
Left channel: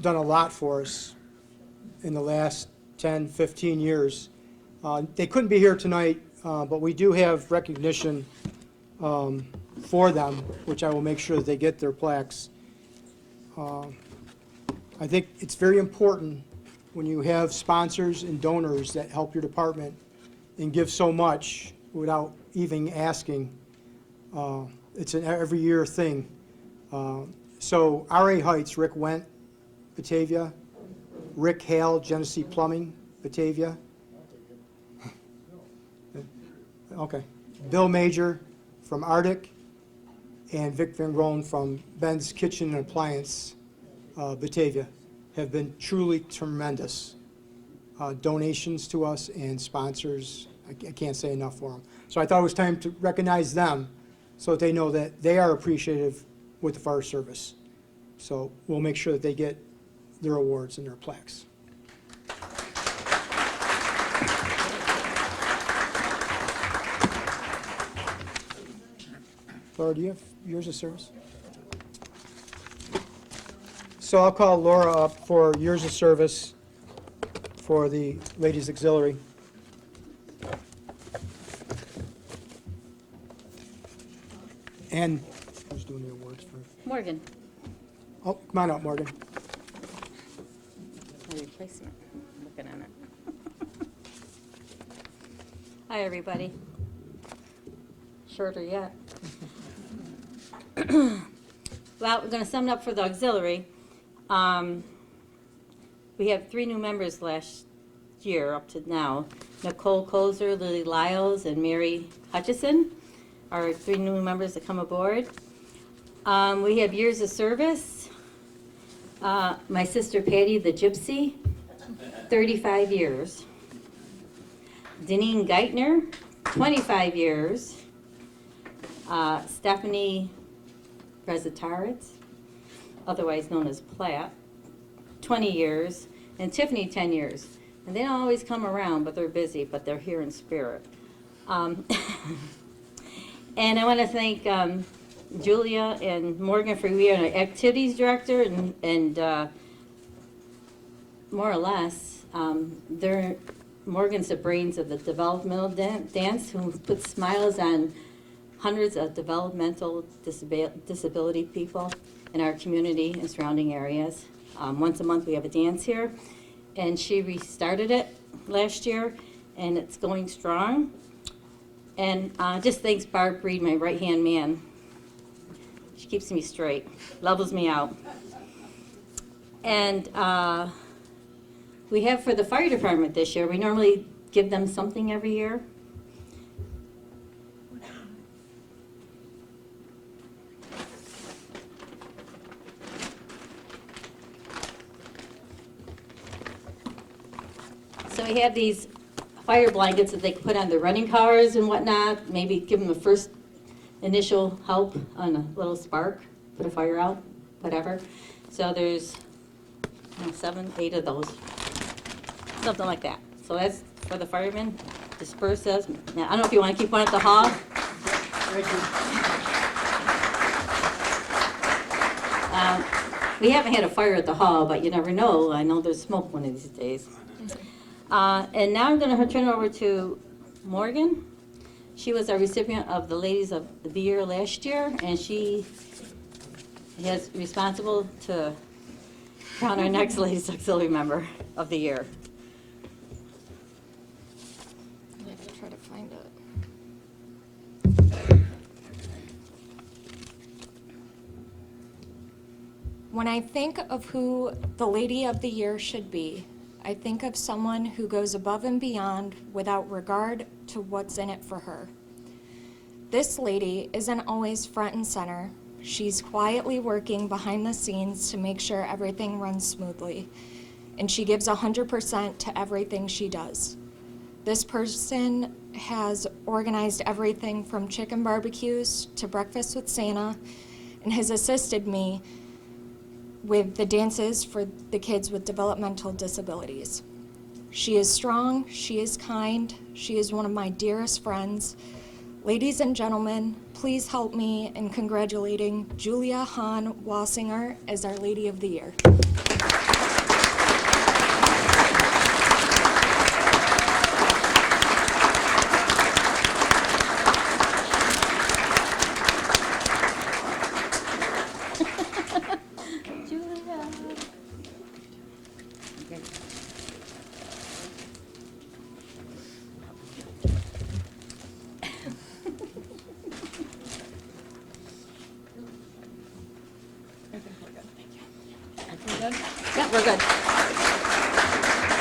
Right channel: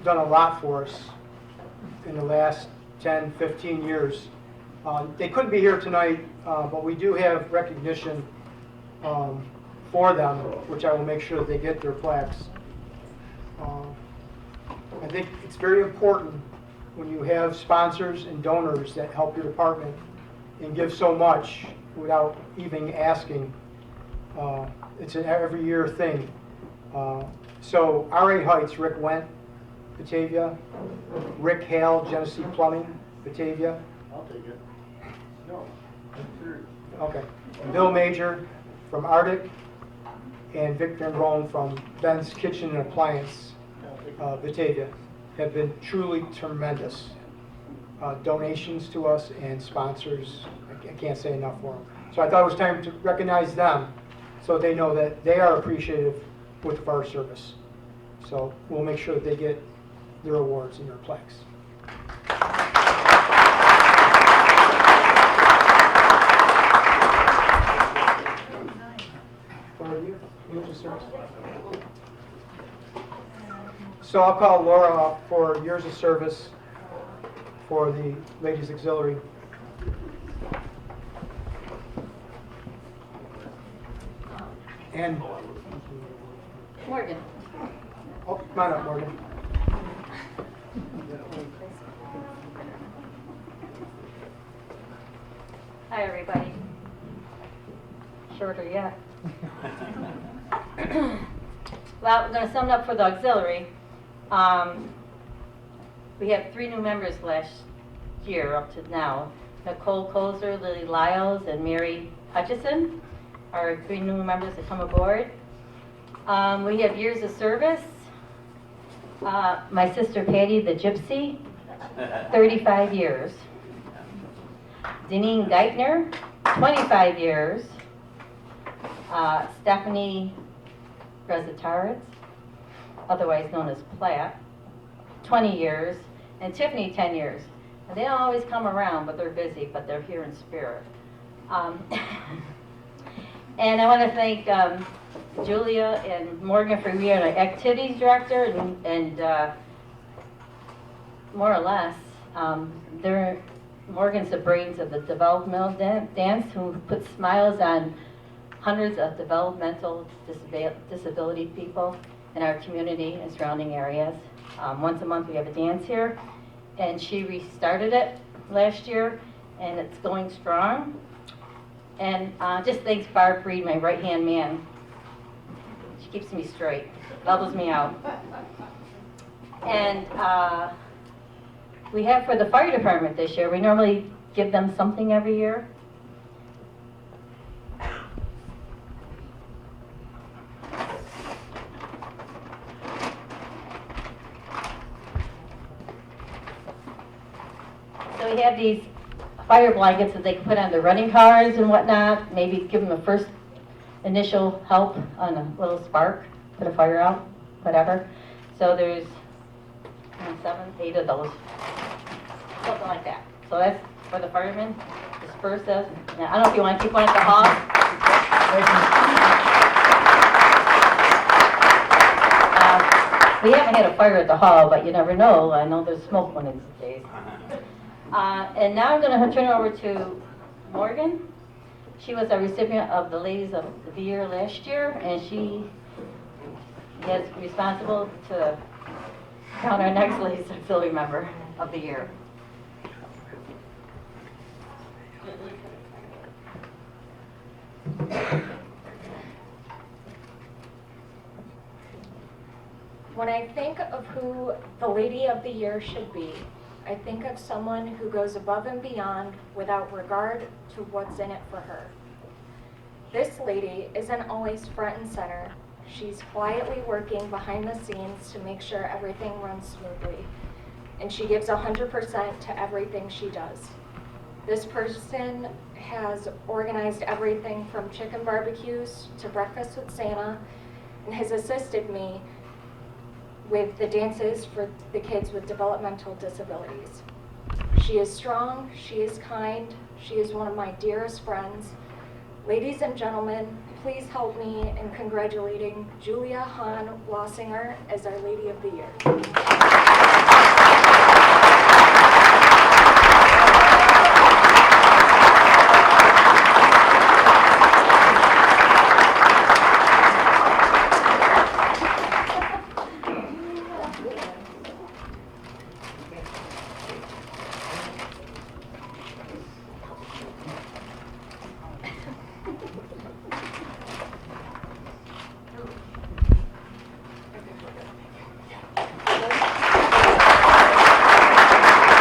done a lot for us in the last 10, 15 years. They couldn't be here tonight, but we do have recognition for them, which I will make sure that they get their plaques. I think it's very important when you have sponsors and donors that help your department and give so much without even asking. It's an every year thing. So RA Heights, Rick Went, Batavia. Rick Hale, GENESEE Plumbing, Batavia. I'll take it. No, I'm Okay. Bill Major from Arctic, and Vic Van Roen from Ben's Kitchen and Appliance, Batavia, have been truly tremendous. Donations to us and sponsors, I can't say enough for them. So I thought it was time to recognize them so that they know that they are appreciative with the fire service. So we'll make sure that they get their awards and their plaques. Laura, do you have years of service? So I'll call Laura up for years of service for the Ladies Auxiliary. And Morgan. oh, come on up, Morgan. Hi, everybody. Shorter yet. Well, we're going to sum it up for the auxiliary. We had 3 new members last year up to now. Nicole Kozer, Lily Lyles, and Mary Hutchison are 3 new members that come aboard. We have years of service. My sister Patty, the Gypsy, 35 years. Deneen Geithner, 25 years. Stephanie Rezataritz, otherwise known as Platt, 20 years. And Tiffany, 10 years. And they don't always come around, but they're busy, but they're here in spirit. And I want to thank Julia and Morgan for being our activities director, and more or less, Morgan's the brains of the developmental dance, who puts smiles on hundreds of developmental disability people in our community and surrounding areas. Once a month we have a dance here, and she restarted it last year, and it's going strong. And just thanks Barb Reed, my right-hand man. She keeps me straight, levels me out. And we have for the fire department this year, we normally give them something every year. So we have these fire blankets that they can put on their running cars and whatnot, maybe give them a first initial help on a little spark, put a fire out, whatever. So there's 7, 8 of those, something like that. So that's for the firemen, disperse those. Now, I don't know if you want to keep one at the hall. We haven't had a fire at the hall, but you never know. I know there's smoke one of these days. And now I'm going to turn it over to Morgan. She was a recipient of the Ladies of the Year last year, and she is responsible to crown our next Ladies Auxiliary Member of the Year. When I think of who the Lady of the Year should be, I think of someone who goes above and beyond without regard to what's in it for her. This lady isn't always front and center. She's quietly working behind the scenes to make sure everything runs smoothly, and she gives 100% to everything she does. This person has organized everything from chicken barbecues to breakfast with Santa, and has assisted me with the dances for the kids with developmental disabilities. She is strong, she is kind, she is one of my dearest friends. Ladies and gentlemen, please help me in congratulating Julia Hahn Wassinger as our Lady of the Year.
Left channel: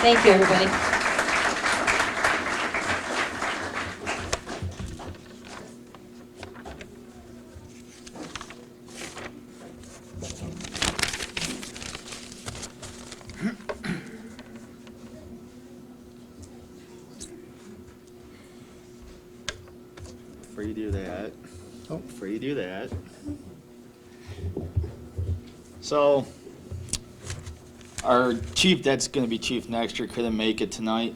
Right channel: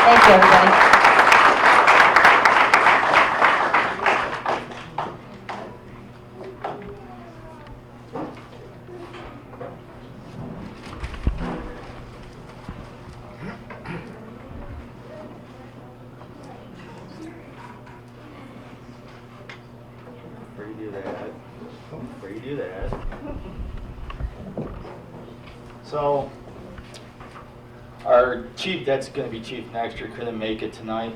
Thank you, everybody. Before you do that, before you do that. So, our chief, that's gonna be chief next year, couldn't make it tonight.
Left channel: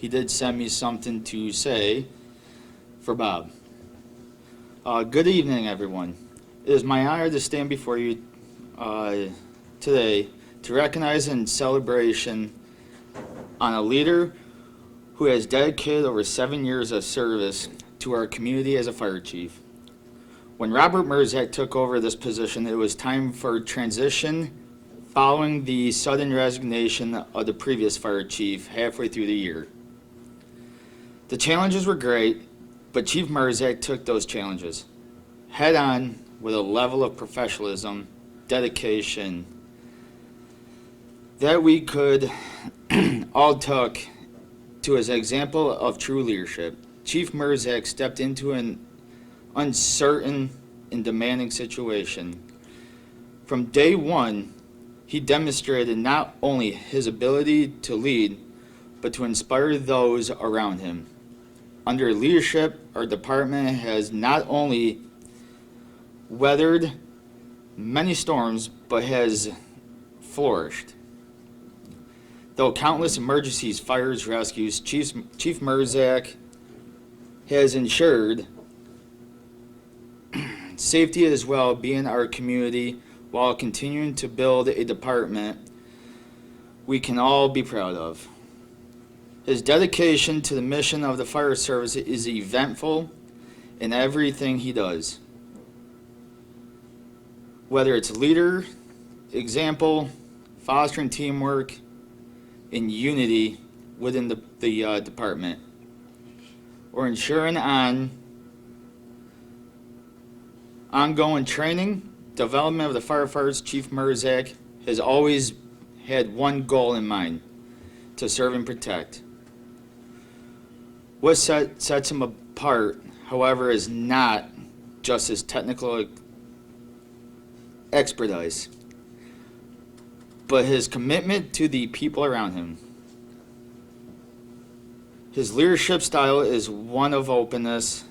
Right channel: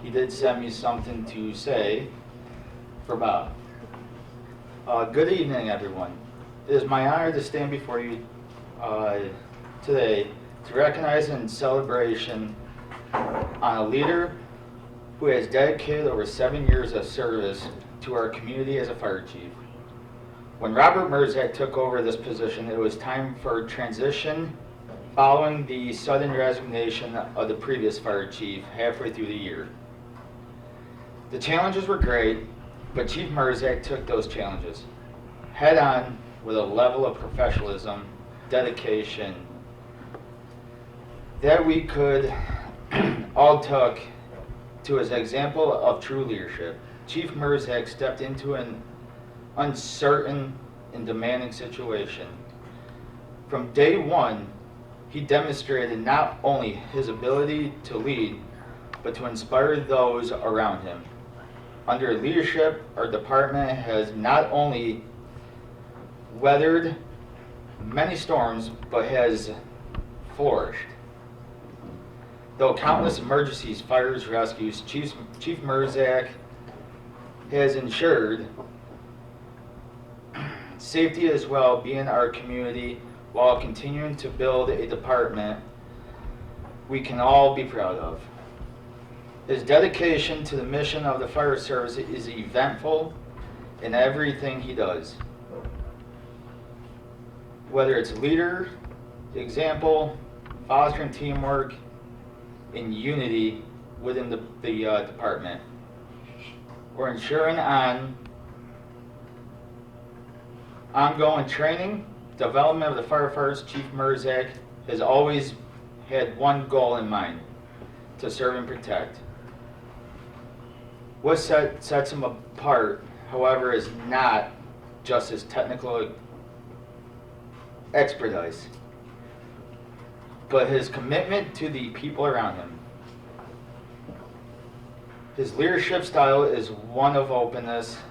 He did send me something to say for Bob. Good evening, everyone. It is my honor to stand before you today to recognize and celebration on a leader who has dedicated over 7 years of service to our community as a fire chief. When Robert Mruczek took over this position, it was time for transition following the sudden resignation of the previous fire chief halfway through the year. The challenges were great, but Chief Mruczek took those challenges head on with a level of professionalism, dedication that we could all took to his example of true leadership. Chief Mruczek stepped into an uncertain and demanding situation. From day one, he demonstrated not only his ability to lead, but to inspire those around him. Under leadership, our department has not only weathered many storms, but has flourished. Though countless emergencies, fires, rescues, Chief Mruczek has ensured safety as well being in our community while continuing to build a department we can all be proud of. His dedication to the mission of the fire service is eventful in everything he does. Whether it's leader, example, fostering teamwork, and unity within the department, or ensuring ongoing training, development of the firefighters, Chief Mruczek has always had one goal in mind: to serve and protect. What sets him apart, however, is not just his technical expertise, but his commitment to the people around him. His leadership style is one of openness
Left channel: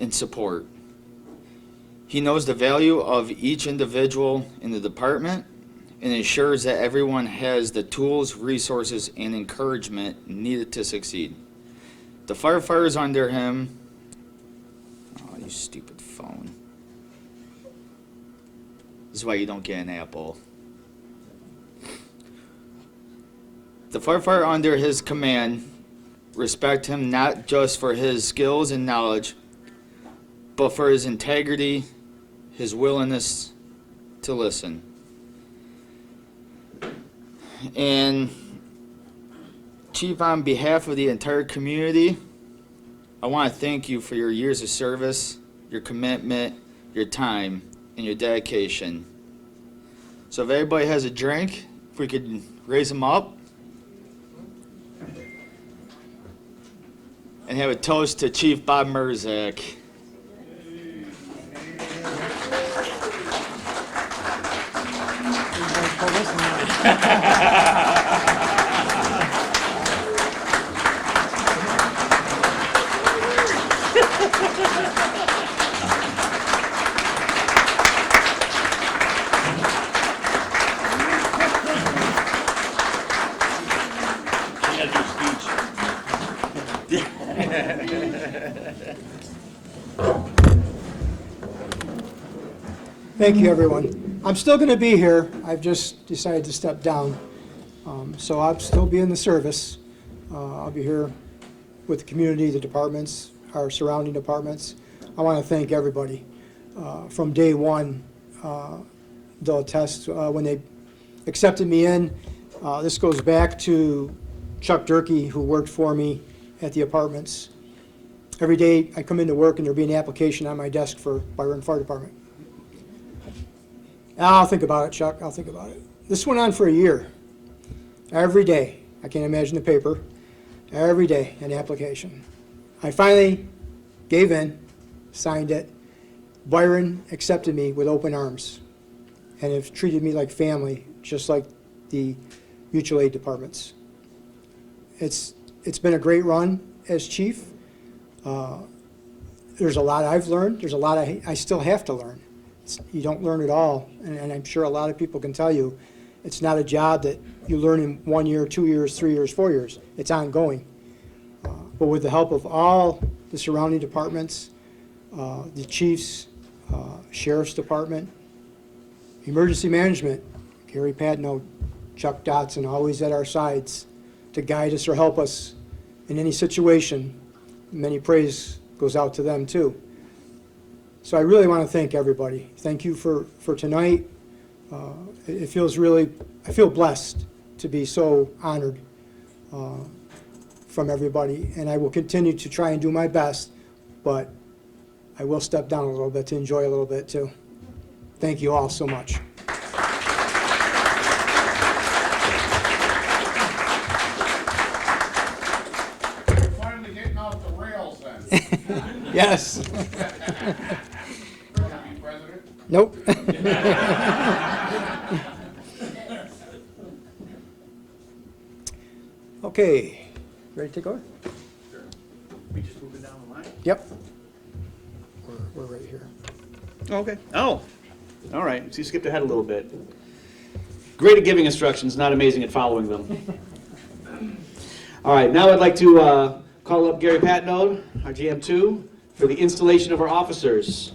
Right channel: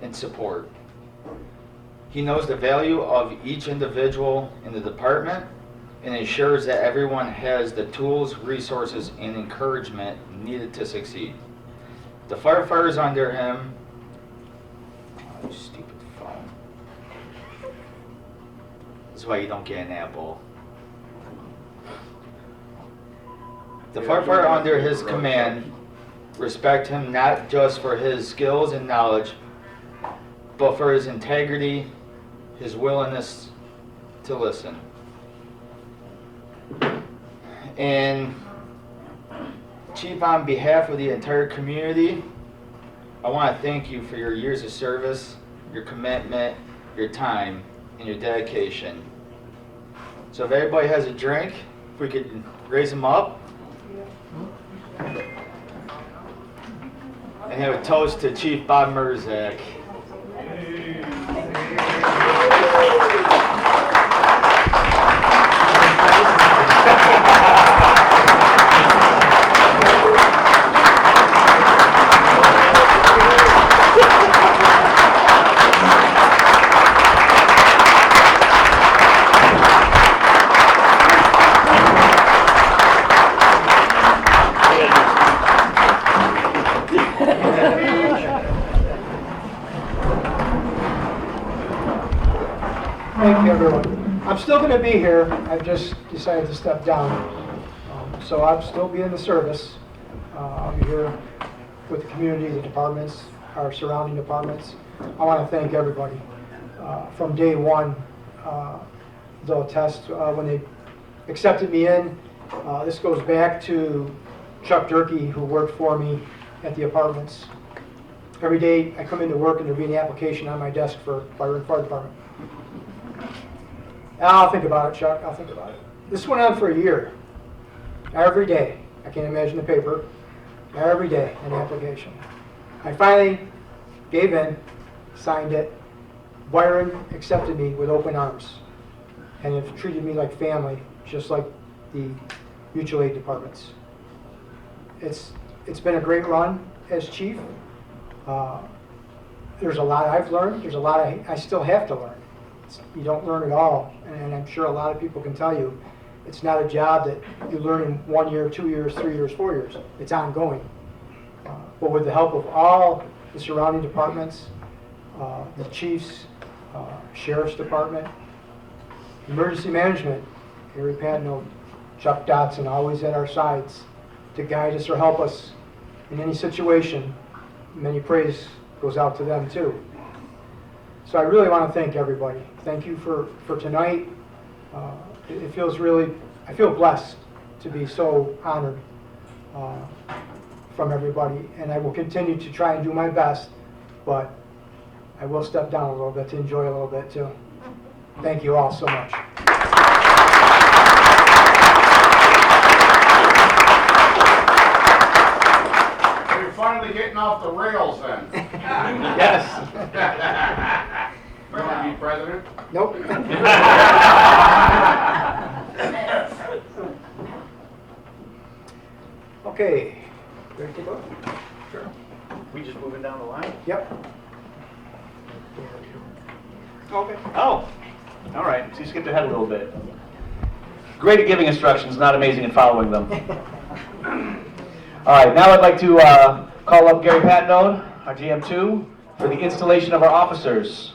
and support. He knows the value of each individual in the department and ensures that everyone has the tools, resources, and encouragement needed to succeed. The firefighters under him, oh, you stupid phone. This is why you don't get an Apple. The firefighter under his command respect him not just for his skills and knowledge, but for his integrity, his willingness to listen. Chief Chief, on behalf of the entire community, I want to thank you for your years of service, your commitment, your time, and your dedication. So if everybody has a drink, if we could raise them up. And have a toast to Chief Bob Mruczek. Thank you, everyone. I'm still going to be here. I've just decided to step down. So I'll still be in the service. I'll be here with the community, the departments, our surrounding departments. I want to thank everybody. From day one, they'll attest when they accepted me in. This goes back to Chuck Durkee, who worked for me at the apartments. Every day I come into work and there'll be an application on my desk for Byron Fire Department. I'll think about it, Chuck. I'll think about it. This went on for a year. Every day. I can't imagine the paper. Every day, an application. I finally gave in, signed it. Byron accepted me with open arms and have treated me like family, just like the mutual aid departments. It's been a great run as chief. There's a lot I've learned. There's a lot I still have to learn. You don't learn it all, and I'm sure a lot of people can tell you it's not a job that you learn in 1 year, 2 years, 3 years, 4 years. It's ongoing. But with the help of all the surrounding departments, the chiefs, sheriff's department, emergency management, Gary Padno, Chuck Dotson, always at our sides to guide us or help us in any situation. Many praise goes out to them too. So I really want to thank everybody. Thank you for tonight. It feels really, I feel blessed to be so honored from everybody. And I will continue to try and do my best, but I will step down a little bit to enjoy a little bit too. Thank you all so much. You're finally getting off the rails then. Yes. You want to be president? Nope. Okay. Ready to go? We just moving down the line? Yep. Okay. Oh, all right. So you skipped ahead a little bit. Great at giving instructions, not amazing at following them. All right, now I'd like to call up Gary Patno, our GM2, for the installation of our officers.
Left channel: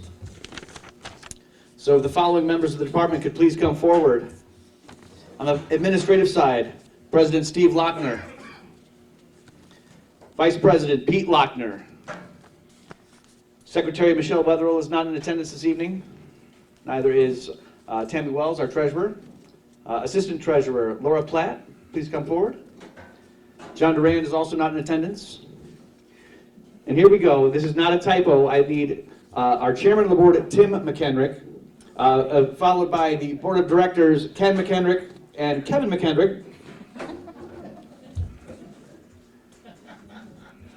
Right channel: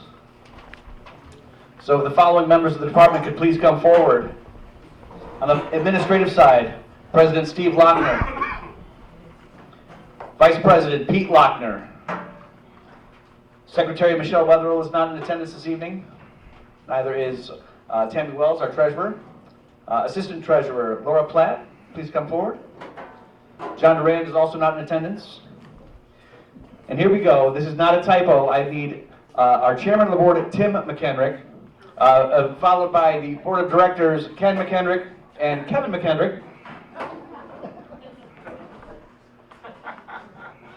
So if the following members of the department could please come forward. On the administrative side, President Steve Lochner, Vice President Pete Lochner, Secretary Michelle Wetherill is not in attendance this evening. Neither is Tammy Wells, our treasurer. Assistant Treasurer Laura Platt, please come forward. John Durand is also not in attendance. And here we go. This is not a typo. I need our chairman of the board, Tim McHenrick, followed by the board of directors, Ken McHenrick and Kevin McHenrick.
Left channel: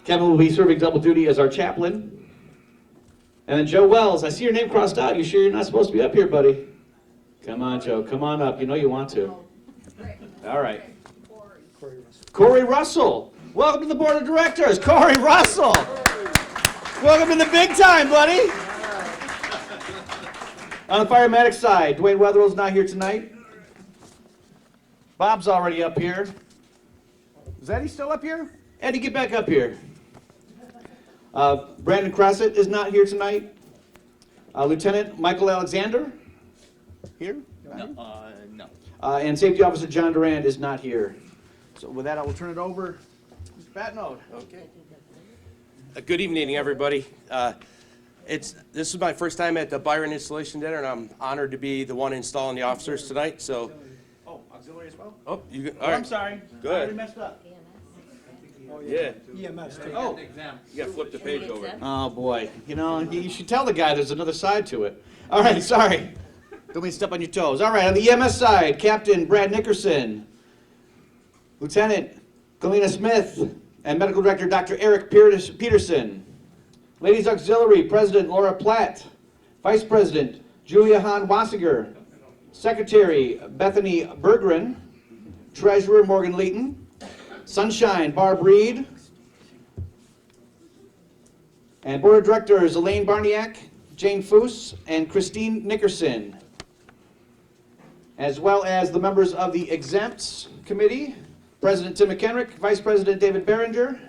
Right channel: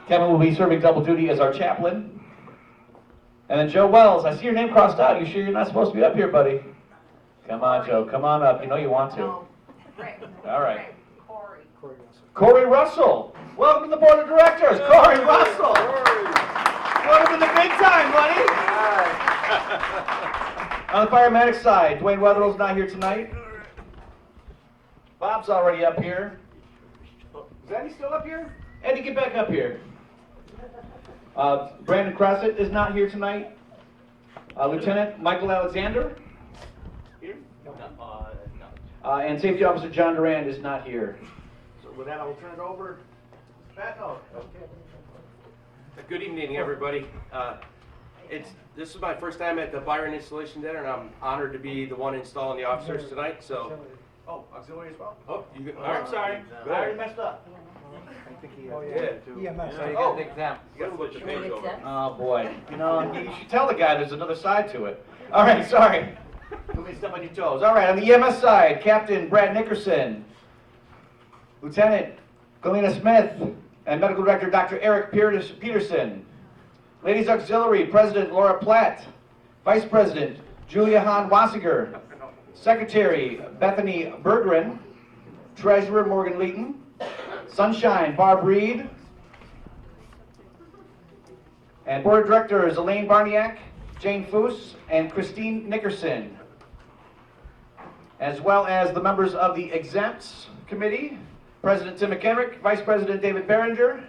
Kevin will be serving double duty as our chaplain. And then Joe Wells, I see your name crossed out. You sure you're not supposed to be up here, buddy? Come on, Joe. Come on up. You know you want to. All right. Corey Russell. Welcome to the board of directors. Corey Russell. Welcome to the big time, buddy. On the paramedic side, Dwayne Wetherill's not here tonight. Bob's already up here. Is Eddie still up here? Eddie, get back up here. Brandan Crossett is not here tonight. Lieutenant Michael Alexander. Here? No. And Safety Officer John Durand is not here. So with that, I will turn it over to Mr. Patno. Okay. Good evening, everybody. This is my first time at the Byron Installation Dinner, and I'm honored to be the one installing the officers tonight. So, Oh, auxiliary as well? all Oh, right. I'm sorry. Go I already ahead. messed up. Yeah. EMS. So you Oh. got the exam. You gotta flip the page over. Accept. Oh, boy. You know, you should tell the guy there's another side to it. All right, sorry. Don't mean to step on your toes. All right, on the EMS side, Captain Brad Nickerson, Lieutenant Kyleena Smith, and Medical Director Dr. Eric Peterson. Ladies Auxiliary, President Laura Platt, Vice President Julia Hahn Wassiger, Secretary Bethany Berggren, Treasurer Morgan Leeton, Sunshine Barb Reed, and Board of Directors Elaine Barniak, Jane Foose, and Christine Nickerson, as well as the members of the Exempts Committee, President Tim McHenrick, Vice President David Behringer,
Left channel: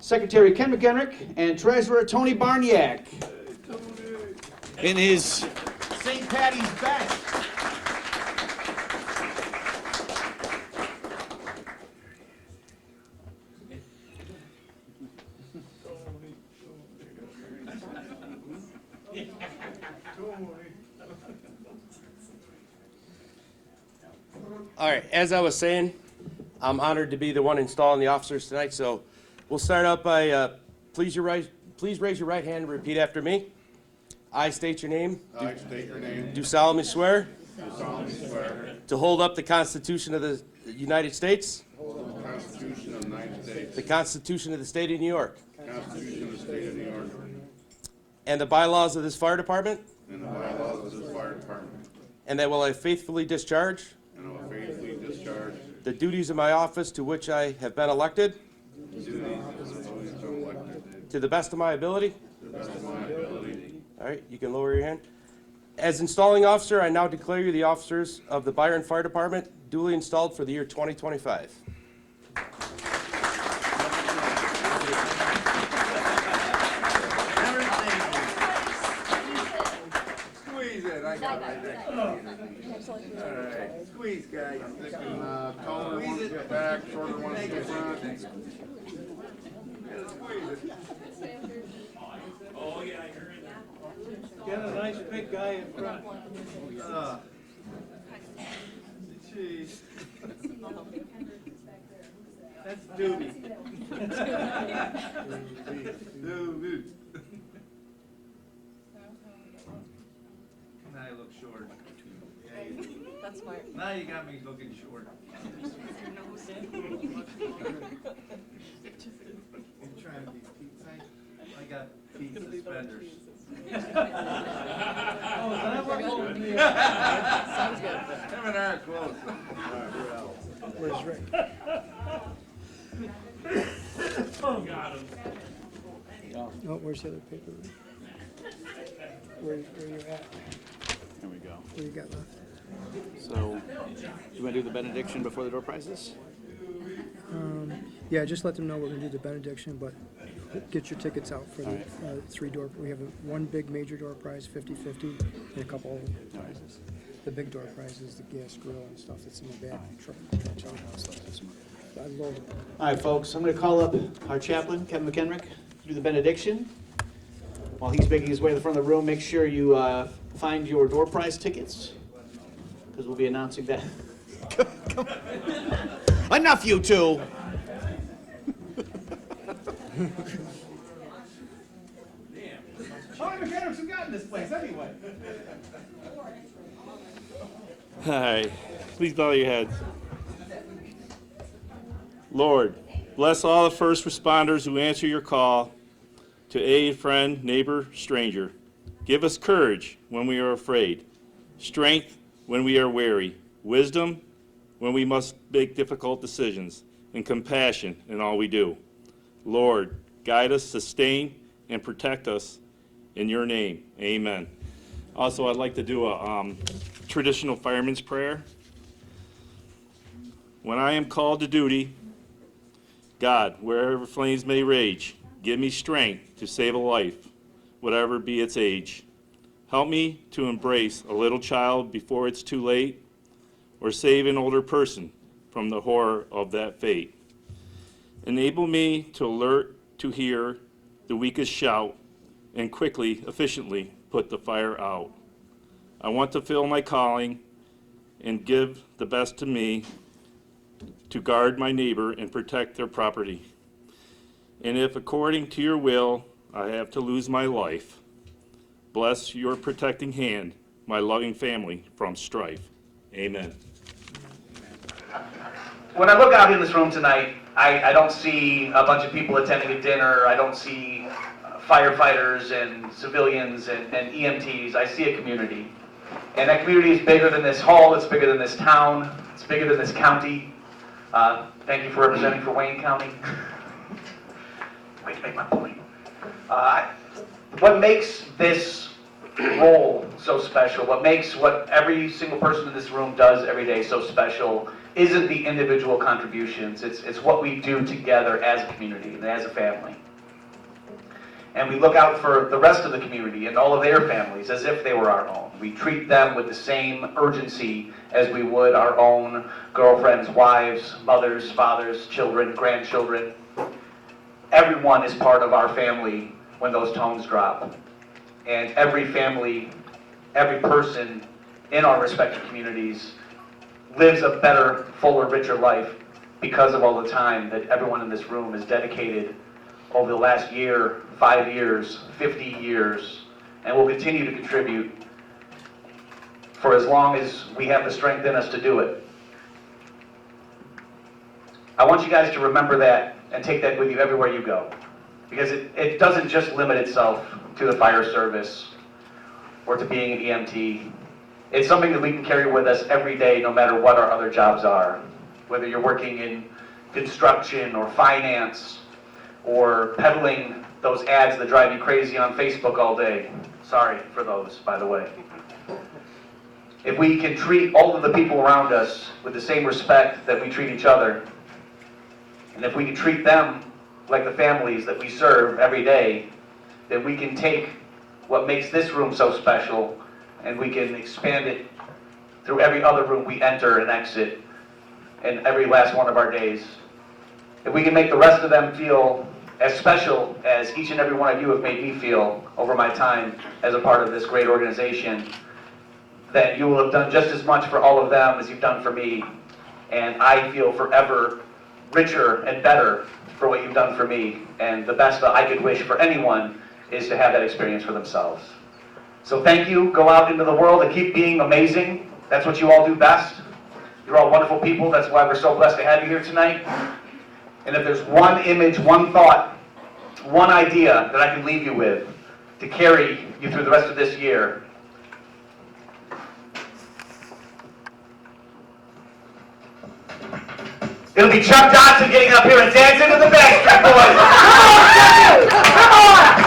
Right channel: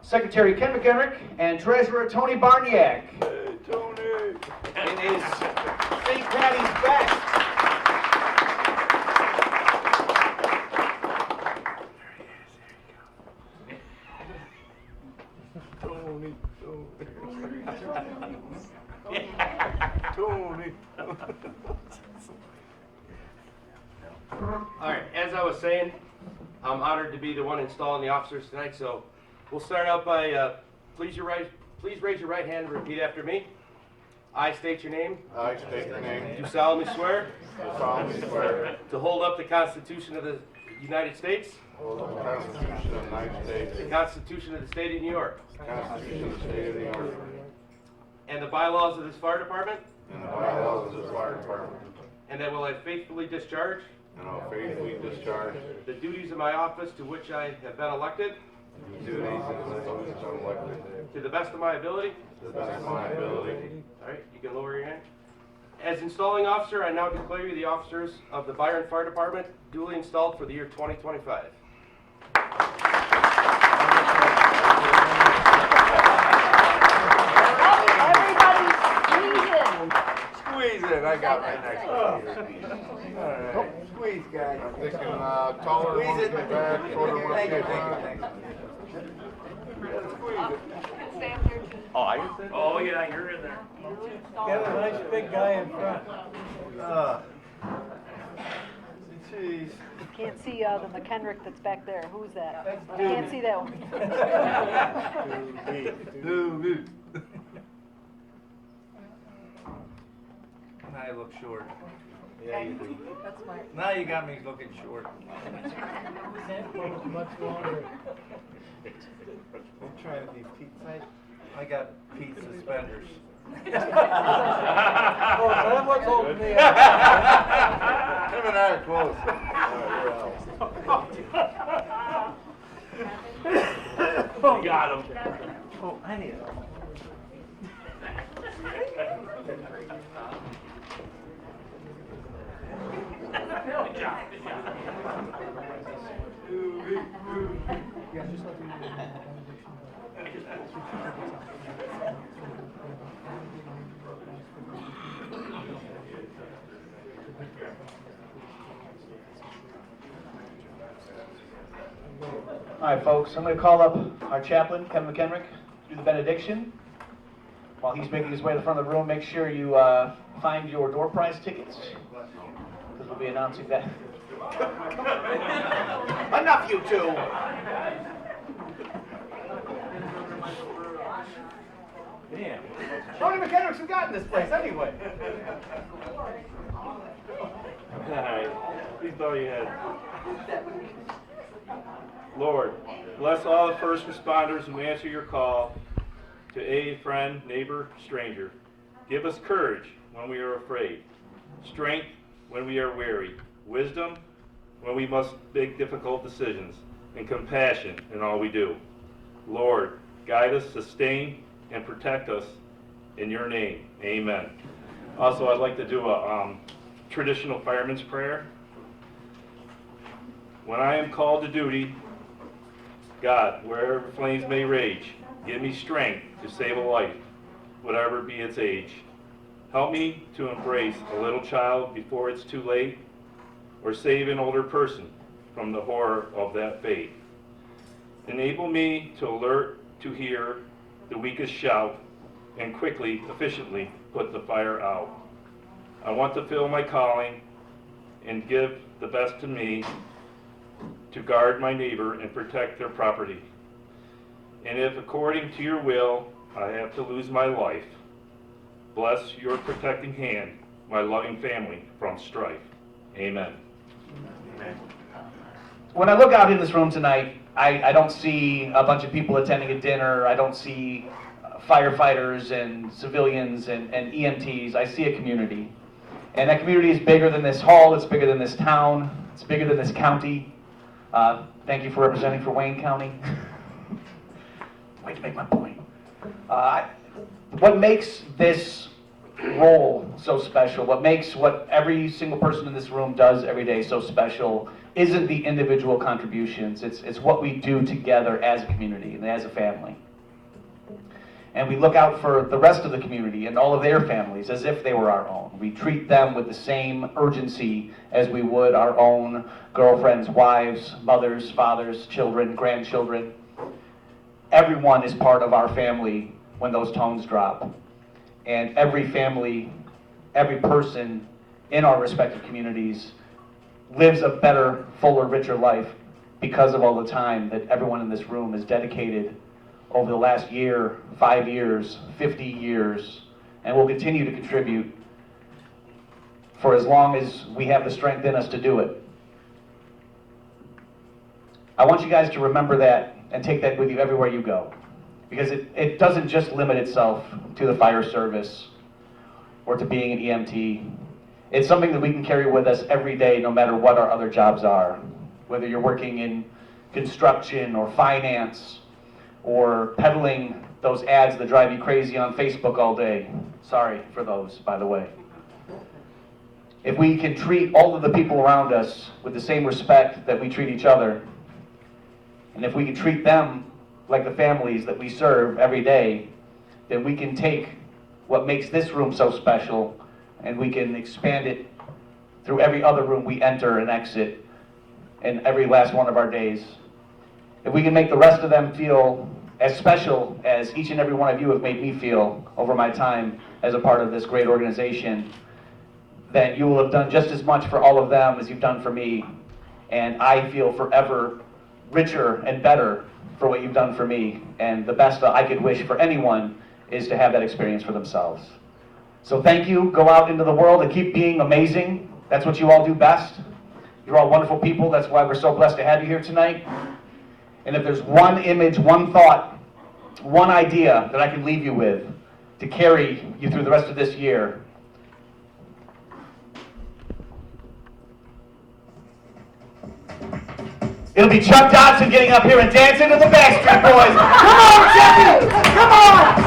Secretary Ken McHenrick, and Treasurer Tony Barniak. Hey, Tony. In his St. Patty's best. Tony. Tony. All right, as I was saying, I'm honored to be the one installing the officers tonight, so we'll start out by, please raise your right hand and repeat after me. I state your name. I state your name. Do solemnly swear Do solemnly swear to hold up the Constitution of the United States, to hold the Constitution of the United States, the Constitution of the State of New York, the Constitution of the State of New York, and the bylaws of this fire department, and the bylaws of this fire department, and that will I faithfully discharge and I will faithfully discharge the duties of my office to which I have been elected the duties of those elected to the best of my ability. to the best of my ability. All right, you can lower your hand. As installing officer, I now declare you the officers of the Byron Fire Department duly installed for the year 2025. Squeeze it, I got right next to you. All right. Squeeze, guys. They can, taller ones get back, shorter ones get front. Oh, yeah, you're in there. Got a nice big guy in front. Jeez. Can't see the McHenrick that's back there. Who's that? That's Can't see that one. Now you look short. Yeah, you do. That's smart. Now you got me looking short. Can't go much longer. I'm trying to be Pete Saint. I got Pete suspenders. Oh, is that what holds me up? Him and I are close. Oh, got him. Oh, I need help. Oh, where's the paper? You want to do the benediction before the door prizes? Yeah, just let them know we're gonna do the benediction, but get your tickets out for the three door. We have one big major door prize, 50/50, and a couple of prizes. The big door prize is the blue squirrel and stuff that's in the back. All right, folks, I'm going to call up our chaplain, Kevin McHenrick, to do the benediction. While he's making his way to the front of the room, make sure you find your door prize tickets, because we'll be announcing that. Enough, you two! Damn. How many mechanics have got in this place anyway? All right, please bow your heads. Lord, bless all the first responders who answer your call to aid friend, neighbor, stranger. Give us courage when we are afraid, strength when we are weary, wisdom when we must make difficult decisions, and compassion in all we do. Lord, guide us, sustain, and protect us in your name. Amen. Also, I'd like to do a traditional fireman's prayer. When I am called to duty, God, wherever flames may rage, give me strength to save a life, whatever be its age. Help me to embrace a little child before it's too late, or save an older person from the horror of that fate. Enable me to alert to hear the weakest shout, and quickly, efficiently put the fire out. I want to fill my calling and give the best to me to guard my neighbor and protect their property. And if according to your will I have to lose my life, bless your protecting hand, my loving family, from strife. Amen. When I look out in this room tonight, I don't see a bunch of people attending a dinner. I don't see firefighters and civilians and EMTs. I see a community. And that community is bigger than this hall. It's bigger than this town. It's bigger than this county. Thank you for representing for Wayne County. Way to make my point. What makes this role so special, what makes what every single person in this room does every day so special, isn't the individual contributions. It's what we do together as a community and as a family. And we look out for the rest of the community and all of their families as if they were our own. We treat them with the same urgency as we would our own girlfriends, wives, mothers, fathers, children, grandchildren. Everyone is part of our family when those tones drop. And every family, every person in our respective communities lives a better, fuller, richer life because of all the time that everyone in this room has dedicated over the last year, 5 years, 50 years, and will continue to contribute for as long as we have the strength in us to do it. I want you guys to remember that and take that with you everywhere you go, because it doesn't just limit itself to the fire service or to being an EMT. It's something that we can carry with us every day, no matter what our other jobs are. Whether you're working in construction or finance or peddling those ads that drive you crazy on Facebook all day. Sorry for those, by the way. If we can treat all of the people around us with the same respect that we treat each other, and if we can treat them like the families that we serve every day, then we can take what makes this room so special and we can expand it through every other room we enter and exit in every last one of our days. If we can make the rest of them feel as special as each and every one of you have made me feel over my time as a part of this great organization, then you will have done just as much for all of them as you've done for me. And I feel forever richer and better for what you've done for me. And the best that I could wish for anyone is to have that experience for themselves. So thank you. Go out into the world and keep being amazing. That's what you all do best. You're all wonderful people. That's why we're so blessed to have you here tonight. And if there's one image, one thought, one idea that I can leave you with to carry you through the rest of this year, it'll be Chuck Dodson getting up here and dancing to the Backstreet Boys. Come on, Jesse! Come on!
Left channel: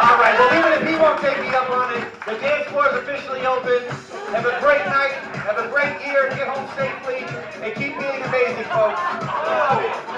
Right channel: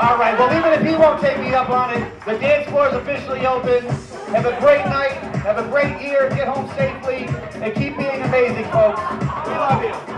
All right, well, even if he won't take me up on it, the dance floor is officially open. Have a great night, have a great year, get home safely, and keep being amazing, folks. We love you.